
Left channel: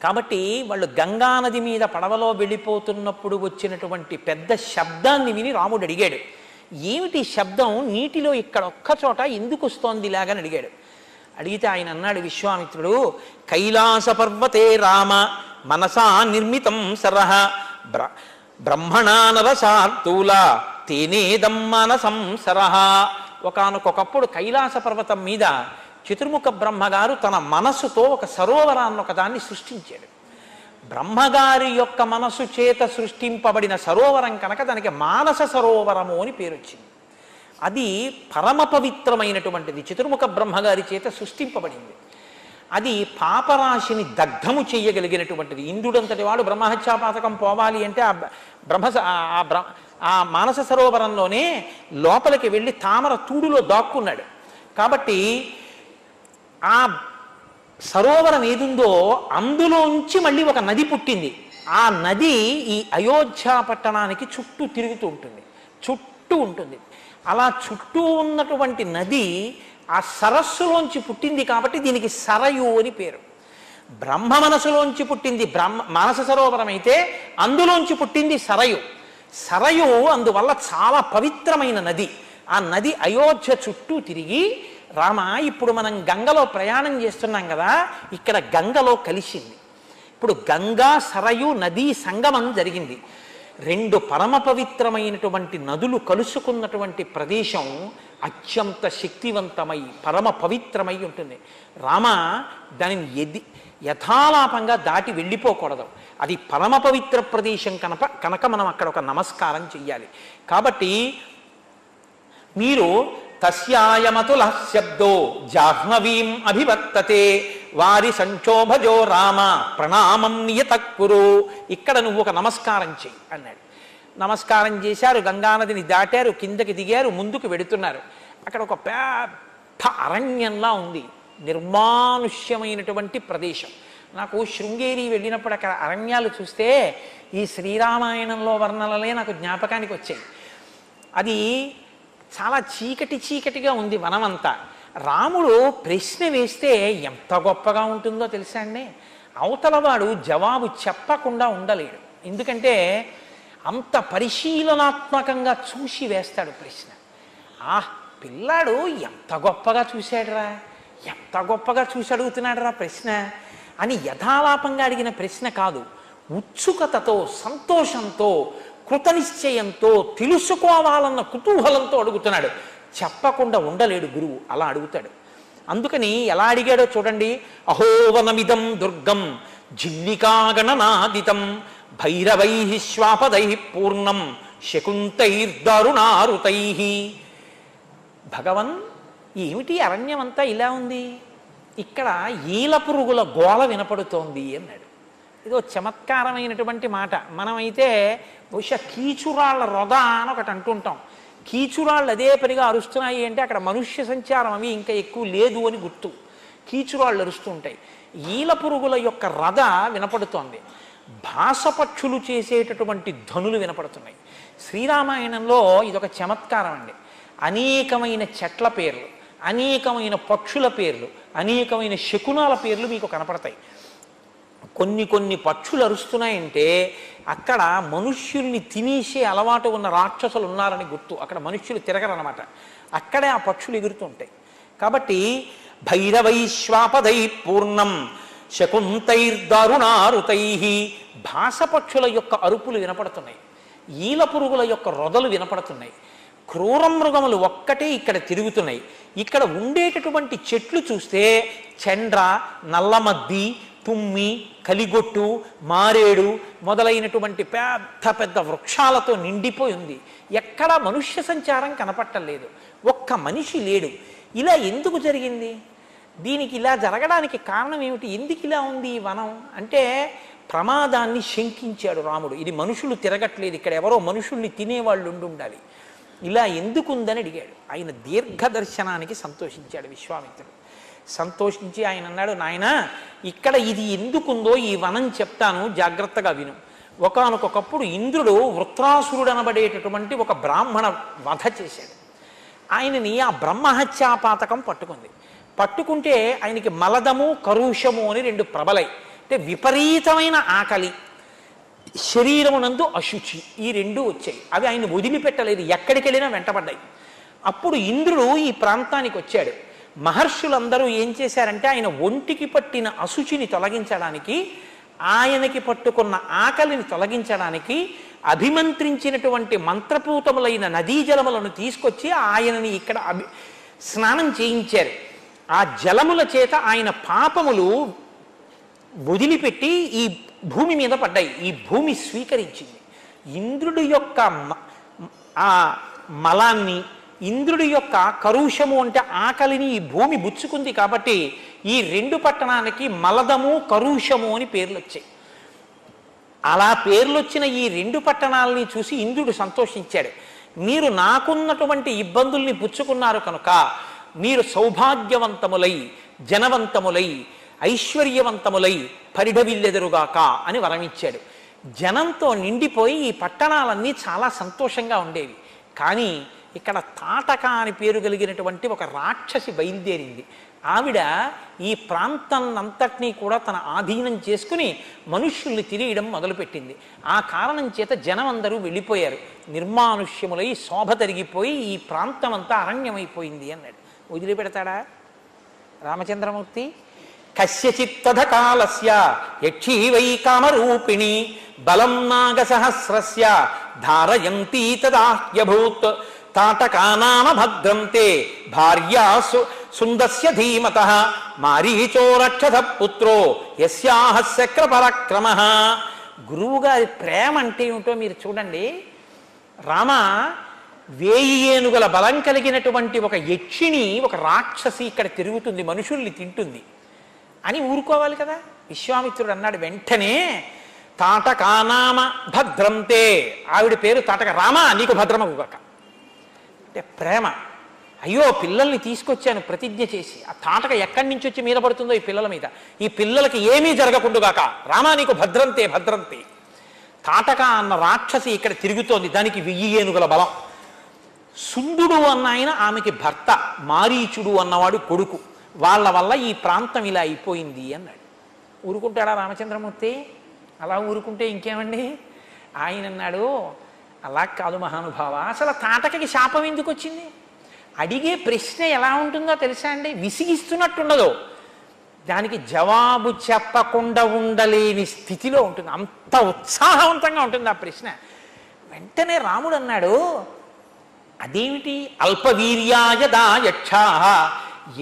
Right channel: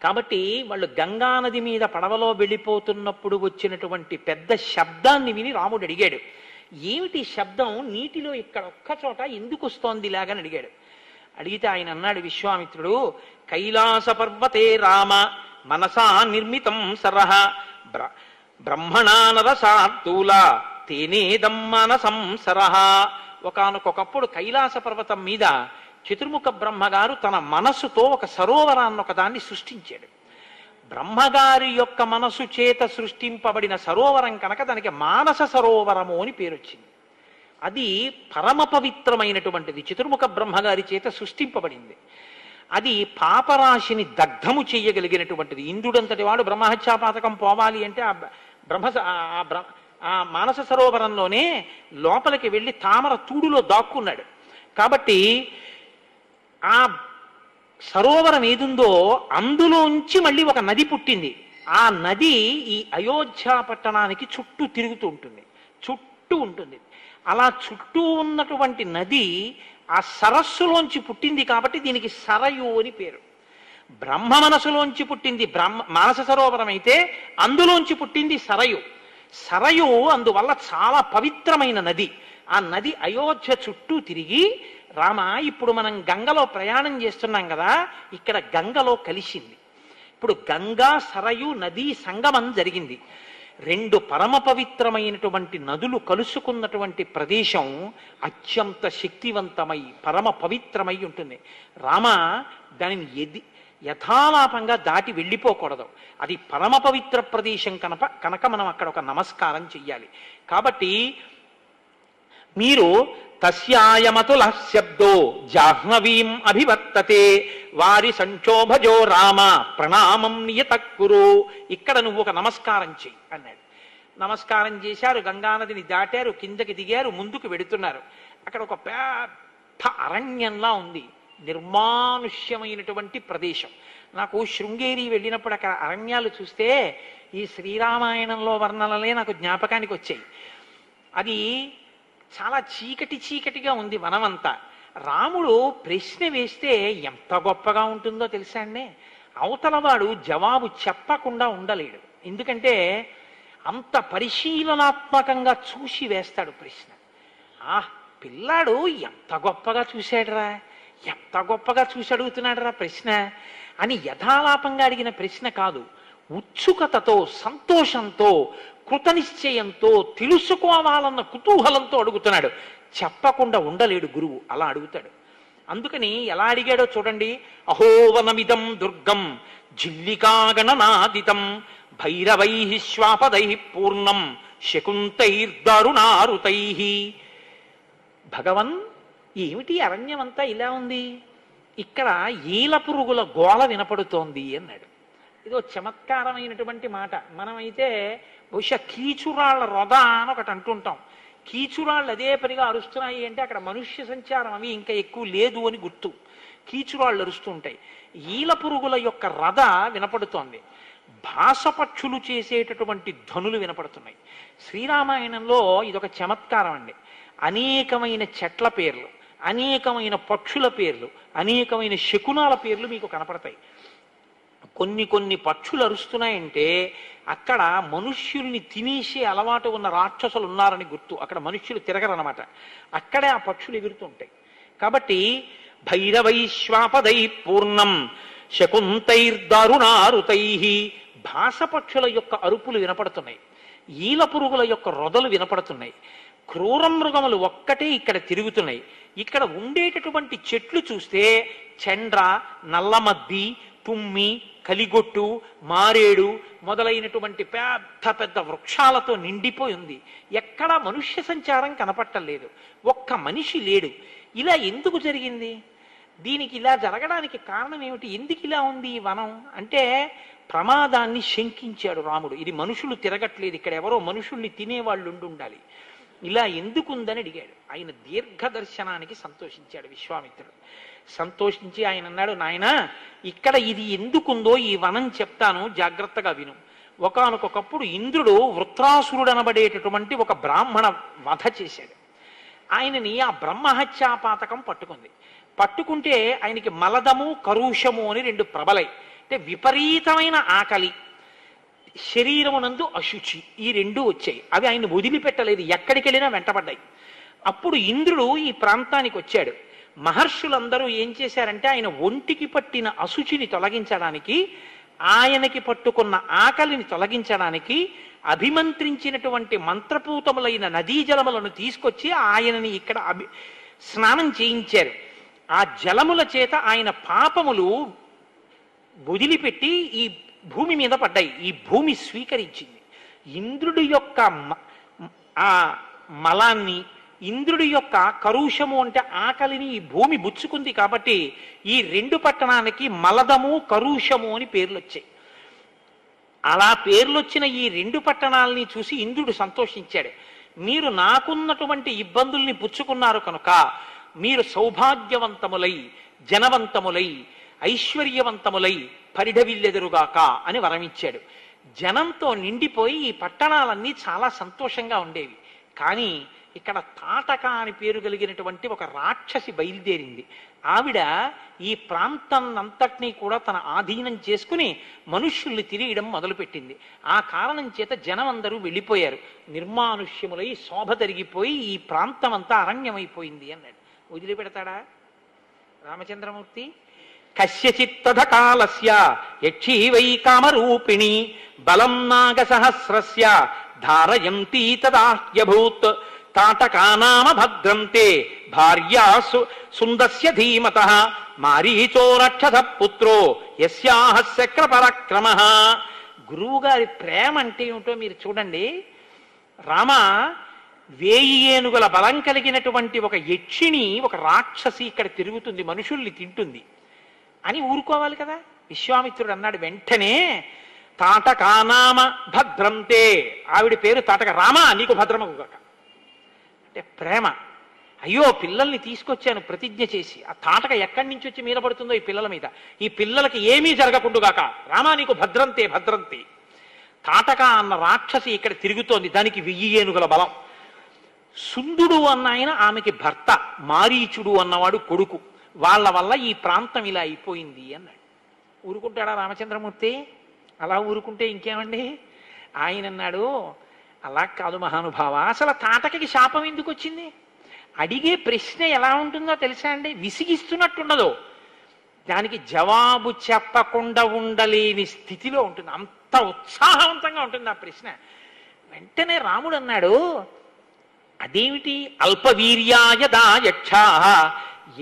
కాబట్టి వాళ్ళు గంగానది మీద పడవలో వెళ్ళిపోతున్నప్పుడు వచ్చినటువంటి పెద్ద శబ్దాన్ని విని రాముడు అడిగాడు, ఏమిటి శబ్దం, నీటిలో ఇక్కడ ఒక్క చోట ఎందుకు వస్తోంది ఇలాగని అడిగాడు. అడిగితే ఆయన అన్నాడు విశ్వామిత్రుడు, కైలాస పర్వతే రామ మనసా నిర్మితం సరహ బ్రహ్మణా నరసార్తూల తేనేదం మనసం సరహ. ఒకానొకప్పుడు కైలాస పర్వతం మీద చతుర్ముఖ బ్రహ్మగారు తన మనస్సుతో ఒక సరోవరాన్ని ఒకదాన్ని సృష్టించాడు. బ్రహ్మగారి యొక్క మనసు చేత సృష్టింపబడిన సరోవరం కనుక దానికి మానస సరోవరము అని పేరు వచ్చింది. అది పరమ పవిత్రమైనటువంటిది, చతుర్ముఖ బ్రహ్మగారి చేత సృష్టింపబడింది. అది పాపరాశిని దగ్ధము చేయగలిగినటువంటిది. ఇంద్రుడంతటి వాడు బ్రహ్మహత్యాపాతకం పోవాలి అంటే ఆ మానస సరోవరంలోనే లోపలికి వెళ్ళి తామర తూడులో దాక్కున్నాడు. కాబట్టి ఆ సరోవరం ఏదుందో అందులోంచి మళ్ళీ ఒక నది పుట్టింది. ఆ నది ఈ అయోధ్య పట్టణానికి చుట్టూ తిరుగుతూ ఉంటుంది, చుట్టూ ఉంటుంది. అలా చుట్టూ ఉన్నటువంటి నది ఆ సరస్సులోంచి పుట్టింది కాబట్టి దీనికి సరయు అని పేరు. బ్రహ్మ మనసులోంచి పుట్టింది మానస సరోవరం అయితే అందులోంచి పుట్టింది సరయు. సరయు అందువల్ల చాలా పవిత్రమైన నది. ఆ నది అయోధ్య చుట్టూ తిరిగి, రామ ఇప్పుడు మనం గంగలో ప్రయాణం చేస్తున్నాం కదా, ఇక్కడ గంగలో కలిసింది. ఇప్పుడు గంగా సరయు నదీ సంగమం జరిగింది. రెండు పరమ పవిత్రమైనటువంటి నదులు కలుసుకున్నటువంటి ప్రదేశం అత్యంత శక్తివంతమై పరమ పవిత్రమై ఉంటుంది. రామ దానిని యథాలాపంగా దాటి వెళ్ళిపోకూడదు. అది పరమ పవిత్ర ప్రదేశం కనుక మనం అక్కడ ఒక నమస్కారం చెయ్యాలి. కాబట్టి మీరు తస్యాయమతుల శబ్దో జాహ్నవీం అభివర్తతే వారి సంక్షోభజో రామ ప్రణామం నియతక్కురు. ఇక్కడ నువ్వు ఒక నమస్కారం చెయ్యి అన్నాడు. నమస్కారం చేశారు, గంగానదిని దాటారు, కిందకి దిగారు, ముందుకు వెడుతున్నారు. అక్కడ ఒక పెద్ద అరణ్యంలా ఉంది, నిర్మానుష్యమైనటువంటి ప్రదేశం. నాకు శృంగేరి వెళ్ళినప్పుడు అక్కడ అరణ్యాలు చూస్తే ఈ శ్రీరామాయణంలో వర్ణనలే నాకు జ్ఞాపకానికి వచ్చాయి. అది చాలా చీకటిగా ఉంది వనమంతా. రాముడు ప్రశ్న వేస్తే ఎంత గొప్పగా ఉంటుందో తెలుసా అండి. అవతలవాడు జవాబు చెప్పకుండా ఉండలేడు. ఎందుకంటే అంత పరిశీలనాత్మకంగా చూసి వేస్తాడు ప్రశ్న. పిల్లాడు ఎంత గొప్పగా చూశాడురా, ఎంత గొప్పగా చూసి అడుగుతున్నాడురా ప్రశ్న అని యథాలాపంగా అడిగిన ప్రశ్న కాదు. ఉత్సుకతతో, సంతోషంతో, కృతనిశ్చయంతో, తెలుసుకోవాలన్న కుతూహలంతో అడుగుతున్నాడు. చెప్పకుండా ఉండలేడు గురువు, అలా అడుగుతాడు. అందుకని ఎలా అడిగాడో చూడండి. అహోవనమిదం దుర్గం జిల్లికాగణనాదితం భైరవై శ్వాపదై పూర్ణం శకుంతైర్దారుణారుతై. భగవన్, ఏమిటి అరణ్యమంతా ఇలా ఉంది, ఇక్కడ ఈల పురుగుల గోళ వినపడుతోంది అన్నాడు. ఇదో చమత్కారమైనటువంటి మాట. మనమైతే బహుశా కీచురాళ్ల రొద అని ఒకటి అంటుంటాం. కీచురాళ్ళు అదే పనిగా అరుస్తున్నాయి అంటే అక్కడ మనుష్య సంచారం అవి ఇంకా ఎక్కువ లేదు అని గుర్తు. కీచురాళ్ళు అరుస్తూ ఉంటాయి. ఈల పురుగుల యొక్క రథ వినపడుతోంది. భాసపక్షులు చేసేటటువంటి ధనులు వినపడుతున్నాయి. శ్రీరామాయణంలో ఇదొక చమత్కారం అండి. అనేకమైన చెట్ల పేర్లు, అనేకమైన పక్షుల పేర్లు, అనేకమైన శకునాల పేర్లు మీకు కనపడతాయి. కొన్ని పక్షులు అరుస్తున్నాయంటే అక్కడ మనుష్యుల్ని తినేసే అలవాటు ఉన్న రాక్షసులు ఉన్నారని గుర్తు. అక్కడ మనుష్యులు తిరగరనమాట, అక్కడే ఆ పక్షులు ఎగురుతుంటాయి. కాబట్టి భైరవైశ్వాపదై పూర్ణం శకుంతైర్దారుణారుతై. భాసపక్షుల యొక్క అరుపులు వినపడుతున్నాయి, ఈల పురుగుల యొక్క రొదలు వినపడుతున్నాయి, క్రూర మృగములు ఒక్కటే ఇక్కడ తిరుగుతున్నాయి. ఇక్కడ ఉండేటటువంటి చెట్లు చూస్తే చండ్ర, నల్లమద్ది, తుమ్మి, కలిగొట్టు, మారేడు మొదలైనటువంటి పెద్ద పెద్ద వృక్షాలతో నిండిపోయి ఉంది. ఎక్కడా మనుష్య సంచారం కనపట్టలేదు, ఒక్క మనిషి లేడు. ఇలా ఎందుకు జరిగింది? దీనికి ఇలా జరగడానికి కారణం ఏమిటి? ఎందుకు ఇలా ఉంది ఈ వనం అంటే ప్రమాదాన్ని శంకించాడు రాముడు. ఇది మనుషులు తిరగట్లేదు, ఇక్కడ ఎవరో మనుషుల్ని తినేవాళ్ళు ఉండాలి, ఇలా ఎందుకుందని అడిగాడు. ఆయన దీర్ఘదర్శనానికి సంతోషించాడు విశ్వామిత్రుడు. సంతోషించి ఆయన అన్నాడు, నాయన ఇక్కడ ఇది ఎందుకుందో ఈ వనం చెప్తాను, జాగ్రత్తగా విను. ఒకానొకప్పుడు ఇంద్రుడు వృత్రాసురుడు అనబడేటటువంటి ఒక బ్రాహ్మణ వధ చేశాడు. ఆయనని ఆ బ్రహ్మహత్యాపాతకం పట్టుకుంటే ఆయనకి మలదము, కరుషము అని రెండు ప్రబలై, అంటే విపరీతమైన ఆకలి, శరీరమునందు అశుచి, ఈ రెండు వచ్చాయి. అవి ఆయన వదిలిపెట్టలేదు, ఎక్కడికి వెళ్ళినా వెంటబడ్డాయి. అప్పుడు ఇంద్రుడు ఈ ప్రాంతానికి వచ్చాడు. మహర్షులందరూ ఏం చేశారంటే ఆయన ఒంటికి పట్టిన అశుచిని తొలగించడానికి, ఆయనకి పట్టుకున్న ఆకలిని తొలగించడానికి అభిమంత్రించినటువంటి మంత్రపూతములైన నదీ జలములను తీసుకొచ్చి ఆయనని ఇక్కడ స్నానం చేయించారు. ఆ జలముల చేత ఆయన పాపములు వదిలిపెట్టి ఈ భూమి మీద పడ్డాయి. ఈ భూమి స్వీకరించింది. ఇంద్రుడి యొక్క ఆ మలాన్ని, ఇంద్రుడి యొక్క కరుషము అంటే ఆకలిని ఈ భూమి బుచ్చుకుంది. కాబట్టి ఈ రెండు పట్టణానికి మలదము, కరుషము అని పేర్లు వచ్చాయి. అలా పేర్లొచ్చిన ఈ రెండు పట్టణాలని చూసి ఇంద్రుడు సంతోషించాడు. మీరు నాకున్నటువంటి ఇబ్బందుల్ని పుచ్చుకున్నారు కనుక మీరు సౌభాగ్యవంతములై, జనవంతములై, ఐశ్వర్యవంతములై పరిఢవిల్లెదురుగాక అని వరమిచ్చాడు. జనంతో నిండిపోయి ఈ పట్టణాలన్నీ చాలా సంతోషంగా ఉండేవి. కానీ ఇక్కడ తాటక అని పేరు కలిగినటువంటి ఒక రాక్షసి బయలుదేరింది. ఆవిడ ఈ ప్రాంతం అంతటినీ కూడా తన ఆధీనం చేసుకుని మనుష్యుల్ని తిరియడం మొదలుపెట్టింది. ఆ కారణం చేత జనం అందరూ వెళ్ళిపోయారు. నిర్మానుష్యములై శోభ తరిగిపోయి ఈ ప్రాంతం అంతా అరణ్యమైపోయింది అన్నాడు. వదిలిపెడతాడా రామచంద్రమూర్తి? కస్యచిత్తద కాలస్య యక్షీవై కామరూపిణి బలం నాగసహస్రస్య ధారయంతి తదాహ్యభూత్ తాటకానామ భద్రంతే భార్యాసు సుందస్య ధీమతః మారీచో రక్షస పుత్రో యస్యాహ శక్ర పరాక్రమః. గురువుగారి ప్రేమ అంటే ఏమిటో మీరు చూడండి. రామ, 1000 ఏనుగుల బలం కలిగినటువంటి ఒక యక్షిణి, ఒక రాక్షసి ఇక్కడ తిరుగుతుంది, మనుషుల్ని తింటుంది అని ఊరుకోవాలి కదా. విశ్వామిత్రుడు అన్నాడు వెంటనే, తాటకానామ భద్రంతే, ఆవిడ పేరు తాటక, రామా నీకు భద్రమగుగాక. అంటే ప్రేమ. అయ్యో పిల్లల్ని తీసుకొచ్చాను ప్రతిజ్ఞ చేసి, ఆ తాటక ఎక్కడి నుంచి వచ్చి మీద పడుతుందో ఈ పిల్లల మీద, ఈ పిల్లలకి ఏమీ జరగకుండుగాక, రామా నీకు భద్రంతే భద్రంతే. తాటక అన్న రాక్షసి ఇక్కడ తిరుగుతోంది, దానికి 1000 ఏనుగుల బలం. సుందుడు అన్న ఆయన ఆమెకి భర్త, మారీచుడు అన్నవాడు కొడుకు. వాళ్ళ వల్ల ఈ ప్రాంతం ఇలా అయిపోయింది అన్నాడు. ఊరుకుంటాడా రామచంద్రమూర్తి? అలా ఊరుకుంటే ఇంకేమండి. ఆయన అన్నాడు, అలా కాదు మహానుభావ, అసలు తాటకకి శాపం ఎందుకు వచ్చింది? అడిగే ప్రశ్న ఎలా ఉంటుందో తెలుసా అండి, విసిగిస్తున్నట్టుండదు, దానికి జవాబు చెప్పకుండా ఉండలేని స్థితిలో ఉంటుంది, అంత ఉత్సాహవంతంగా ఉంటుంది ఆ ప్రశ్న. వెంటనే రాముడు అన్నాడు, అదేమిటి? అల్పవీర్యాయదా యక్షా,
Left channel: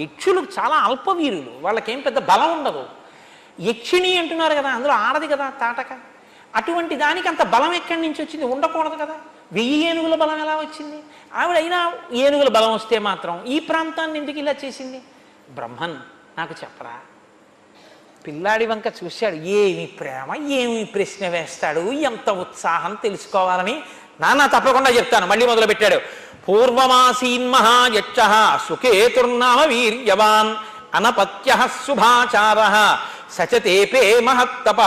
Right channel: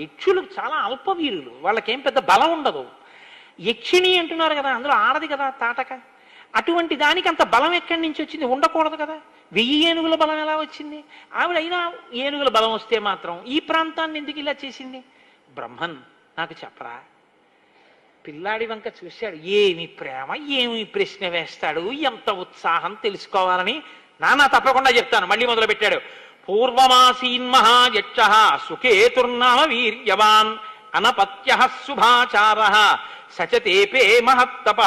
యక్షులు చాలా అల్పవీరులు, వాళ్ళకేం పెద్ద బలం ఉండదు. యక్షిణి అంటున్నారు కదా, అందులో ఆడది కదా తాటక, అటువంటి దానికి అంత బలం ఎక్కడి నుంచి వచ్చింది? ఉండకూడదు కదా. 1000 ఏనుగుల బలం ఎలా వచ్చింది? ఆవిడైనా ఏనుగుల బలం వస్తే మాత్రం ఈ ప్రాంతాన్ని ఎందుకు ఇలా చేసింది? బ్రహ్మన్ నాకు చెప్పరా. పిల్లాడి వంక చూశాడు, ఏమి ప్రేమ, ఏమి ప్రశ్న వేస్తాడు, ఎంత ఉత్సాహం తెలుసుకోవాలని. నాన్న తప్పకుండా చెప్తాను. మళ్ళీ మొదలు పెట్టాడు. పూర్వమాసీన్ మహాయక్ష సుకేతుర్నామ వీర్యవాన్ అనపత్య శుభాచార సచతేపే మహత్తప.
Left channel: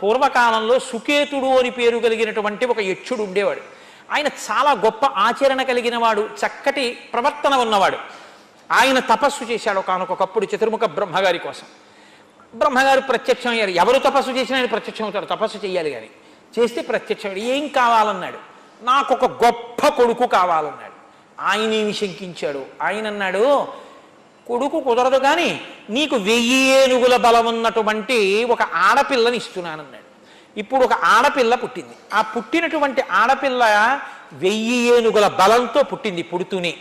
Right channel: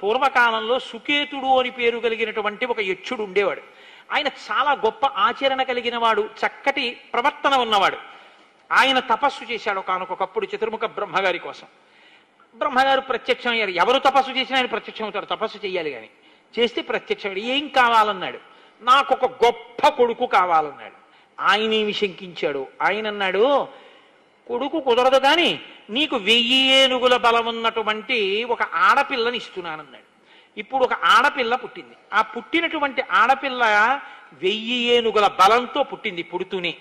పూర్వకాలంలో సుకేతుడు అని పేరు కలిగినటువంటి ఒక యక్షుడు ఉండేవాడు. ఆయన చాలా గొప్ప ఆచరణ కలిగిన వాడు, చక్కటి ప్రవర్తన ఉన్నవాడు. ఆయన తపస్సు చేశాడు ఒకనొకప్పుడు చతుర్ముఖ బ్రహ్మగారి కోసం. బ్రహ్మగారు ప్రత్యక్షం అయ్యారు. ఎవరు తపస్సు చేసినా ఆయన ప్రత్యక్షం అవుతారు, తపస్సు చేయాలి కానీ. చేస్తే ప్రత్యక్షం. ఏం కావాలన్నాడు? నాకు ఒక గొప్ప కొడుకు కావాలన్నాడు. ఆయనేమి శంకించాడు. ఆయన అన్నాడు, కొడుకు కుదరదు కానీ నీకు 1000 ఏనుగుల బలం ఉన్నటువంటి ఒక ఆడపిల్లని ఇస్తున్నానన్నాడు. ఇప్పుడు ఒక ఆడపిల్ల పుట్టింది. ఆ పుట్టినటువంటి ఆడపిల్ల 1000 ఏనుగుల బలంతో పుట్టింది. పుడుతూనే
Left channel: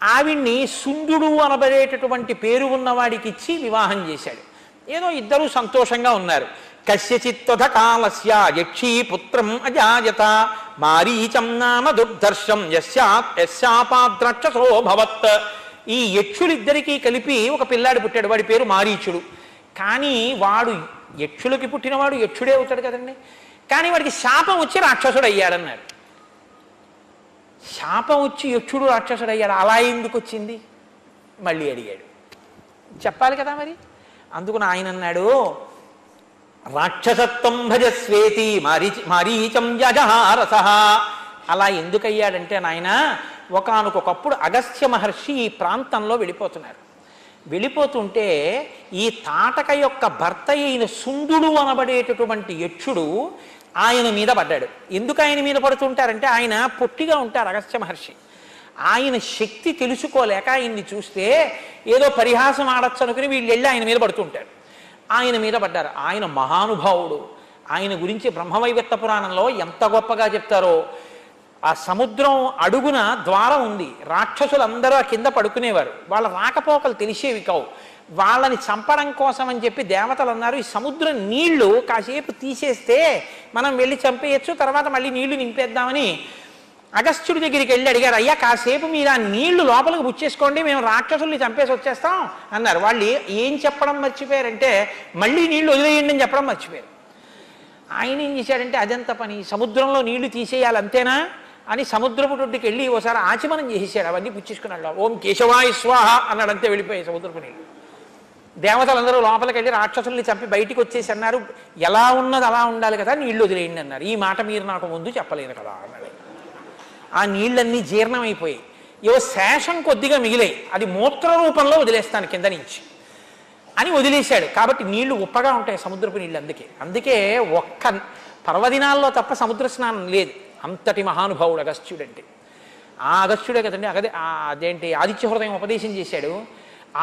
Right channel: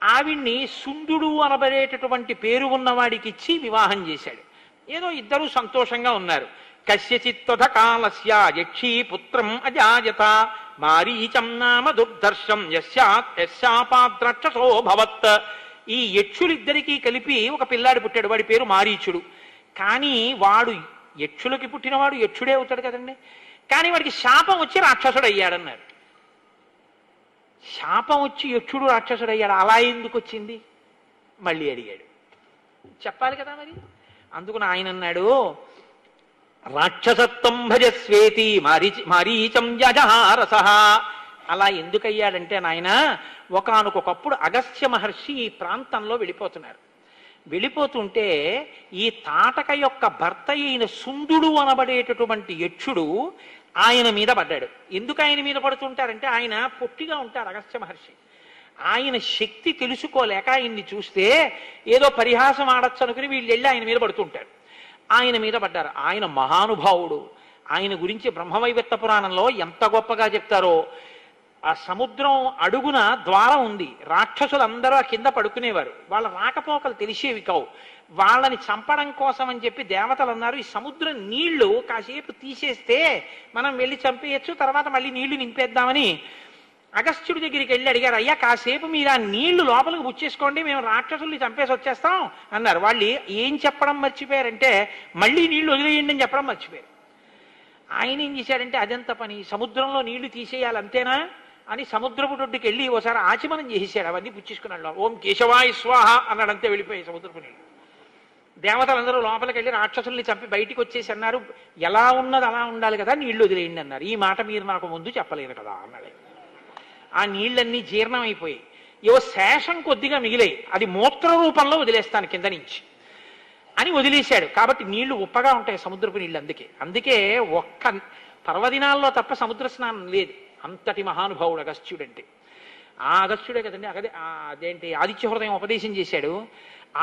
ఆవిడ్ని సుందుడు అనబడేటటువంటి పేరు ఉన్నవాడికి ఇచ్చి వివాహం చేశాడు. ఏదో ఇద్దరూ సంతోషంగా ఉన్నారు. కస్యచిత్తథ కాలస్య యక్షీ పుత్రం అజాయత మారీచం నామ దుర్దర్శం యస్యాపాద్రాక్షసో భవత్. ఈ యక్షులిద్దరికీ కలిపి ఒక పిల్లాడు పుట్టాడు, వాడి పేరు మారీచుడు. కానీ వాడు యక్షులకి పుట్టినవాడు యక్షుడే అవుతాడు కదండి. కానీ వాడికి శాపం వచ్చి రాక్షసుడు అయ్యాడన్నారు. శాపం వచ్చి యక్షుడు రాక్షసుడు అయ్యాడు, అలా ఎందుకు వచ్చింది? మళ్ళీ అడిగాడు. చెప్పాలి కదా మరి. అందుకు ఆయన అన్నాడు, రాక్షసత్వం భజస్వేతి మారీచం యజహారస. అలా ఎందుకయ్యాడంటే నాయన, ఒకానొకప్పుడు అగస్త్య మహర్షి ఈ ప్రాంతంలో వెళ్ళిపోతున్నారు. వెళ్ళిపోతుంటే ఈ తాటక యొక్క భర్త అయిన సుందుడు అనబడేటటువంటి యక్షుడు ఆయన మీద పడ్డాడు. ఎందుకు ఆయన మీద పడుతుంటారంటే, ఆయన పొట్టిగా ఉంటారు అగస్త్య మహర్షి. ఆయన శక్తి తెలుసుకోలేక ఆయన్ని చూస్తే ఏదో పరిహాసం ఆడచ్చు అనుకుని వీళ్ళు వెళ్ళి ఆయన మీద పడుతుంటారు. ఆయన మీద పడ్డారు. ఆయన మహానుభావుడు. ఆయన గురించి బ్రహ్మవైవర్త పురాణంలో ఎంత గొప్పగా చెప్తారో. ఆ సముద్రం అడుగున ద్వారం ఉంది. రాక్షసులందరూ కింద పడుకునేవారు. వాళ్ళ రాకపోకలు తెలిసేవి కావు. వాళ్ళని చంపడం కోసం అని చెప్పి దేవతలు అన్నారు, ఈ సముద్రం నీళ్లు కాసేపు తీసేస్తే మనం వెళ్ళి చంపేయచ్చు, తర్వాత మళ్ళీ నీళ్లు నింపేద్దామని అగస్త్యుడి దగ్గరికి వెళ్ళి అడిగారు. అయ్యా కాసేపు మీరు ఆ నీళ్లు లోపలికి బుచ్చేసుకోండి, మేము రాక్షసుల్ని చంపేసి వచ్చేస్తాం అన్నారు. వాళ్ళు ఏం చెప్పడం మర్చిపోయారంటే, మళ్ళీ నీళ్లు వదిలేయండి అని చెప్పడం మర్చిపోయారు. ఆయన ఏం చేశాడంటే, అదంత పని, సముద్రంలో నీళ్లు తీసేయాలి అంతేనా అని సముద్రపు తొట్టుకి వెళ్ళి ఒకసారి ఆచమనం చేసేసాడు. అవన్నీ పుచ్చేసుకున్నాడు. ఓం కేశవాయ స్వాహ అన్నాడంతే, వెళ్ళిపోయాయి సముద్రపు నీళ్ళు. దేవతలందరూ లోపలికి వెళ్ళి రాక్షసుల్ని చంపి బయటికి వచ్చేసి అన్నారు, ఎలా ఉన్నది అలా ఉండాలి కదా, నీళ్లు వదిలేయండి అన్నారు. ఈ మాట మీరు నాకు ముందు చెప్పలేదు కదా అన్నాడు. ఆ నీళ్ళన్నీ జీర్ణమైపోయాయి. ఏవో శేషం కొద్దిగా మిగిలాయి, అది మూత్ర రూపంలో వదిలేస్తాను కింద నుంచి అని వదిలేశాడు. కాబట్టి నీళ్లు ఉప్పగా ఉంటాయి సముద్రపు నీళ్ళు. అందుకే ఒక్క పర్వదినాల్లో తప్ప సముద్ర స్నానం లేదు. అంతటి మహానుభావుడు అగస్త్యుడంటే. ఆ అగస్త్యుడే కదండి అదేంటి ఆదిత్య హృదయం ఉపదేశం చేశాడు.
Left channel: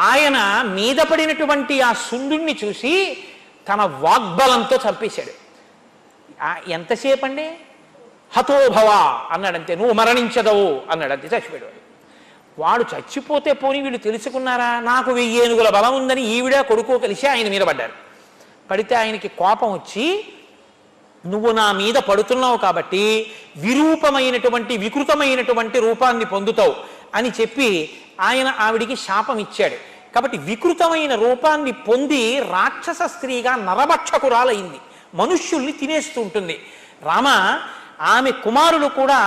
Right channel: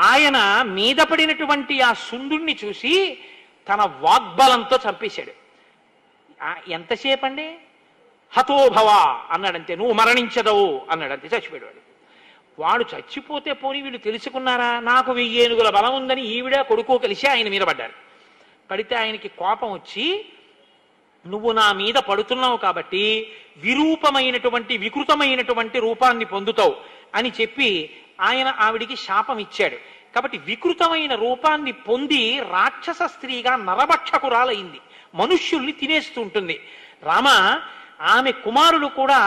ఆయన మీద పడినటువంటి ఆ సుందుణ్ణి చూసి తన వాగ్బలంతో చంపేశాడు. ఎంతసేపు అండి? హతోభవ అన్నాడంతే, నువ్వు మరణించదవు అన్నాడంతే, చచ్చిపోయాడు. వాడు చచ్చిపోతే పోని వీళ్ళు తెలుసుకున్నారా, నాకు 1000 ఏనుగుల బలం ఉందని ఈవిడ కొడుకో కలిసి ఆయన మీద పడ్డారు. పడితే ఆయనకి కోపం వచ్చి నువ్వు నా మీద పడుతున్నావు కాబట్టి విరూపమైనటువంటి వికృతమైనటువంటి రూపాన్ని పొందుతావు అని చెప్పి ఆయన ఆవిడికి శాపం ఇచ్చాడు. కాబట్టి వికృతమైన రూపాన్ని పొంది రాక్షస స్త్రీగా నరభక్షకురాలైంది, మనుష్యుల్ని తినేస్తూ ఉంటుంది. రామ ఆమె కుమారుడు కూడా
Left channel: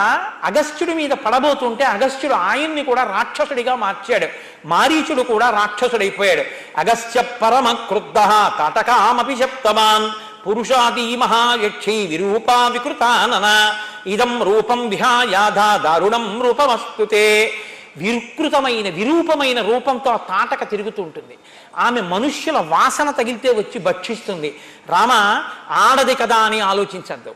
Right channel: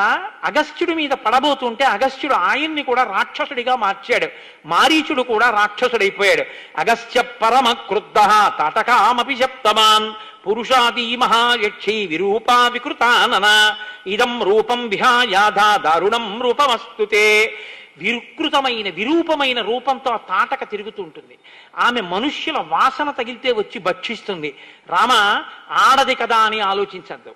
అగస్త్యుడి మీద పడబోతుంటే అగస్త్యుడు ఆయన్ని కూడా రాక్షసుడిగా మార్చాడు. మారీచుడు కూడా రాక్షసుడైపోయాడు. అగస్త్య పరమ క్రుద్ధ తాటకామపి శప్తవాన్ పురుషాది మహాయక్షి విరూపా వికృతానన ఇదం రూపం విహాయాధా దారుణం రూపమస్తుతే. విరూపమైన రూపంతో ఆ తాటక తిరుగుతూ ఉంటుంది. ఆమె మనుష్యుల వాసన తగిలితే వచ్చి భక్షిస్తుంది. రామ ఆడది కదా అని ఆలోచించద్దు.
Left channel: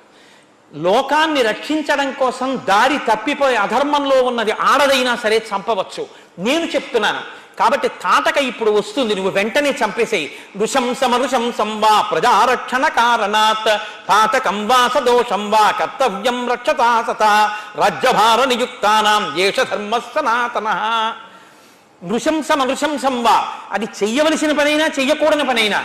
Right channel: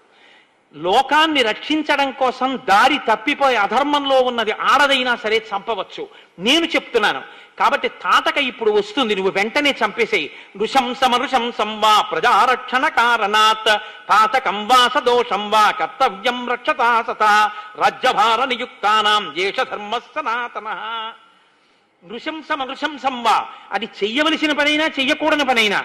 లోకాన్ని రక్షించడం కోసం దారి తప్పిపోయి అధర్మంలో ఉన్నది ఆడదైనా సరే చంపవచ్చు. నేను చెప్తున్నాను కాబట్టి తాటక ఇప్పుడు వస్తుంది, నువ్వు వెంటనే చంపేసేయి. నృశంసమృశంసం వా ప్రజారక్షణ కారణాత్ పాతకం వా సదోషం వా కర్తవ్యం రక్షతా సతా రాజ్యభార నియుక్తానాం ఏష ధర్మ సనాతనః. నృశంసమృశంసం వా, అది చెయ్యవలసిన పనైనా చెయ్యకూడని పనైనా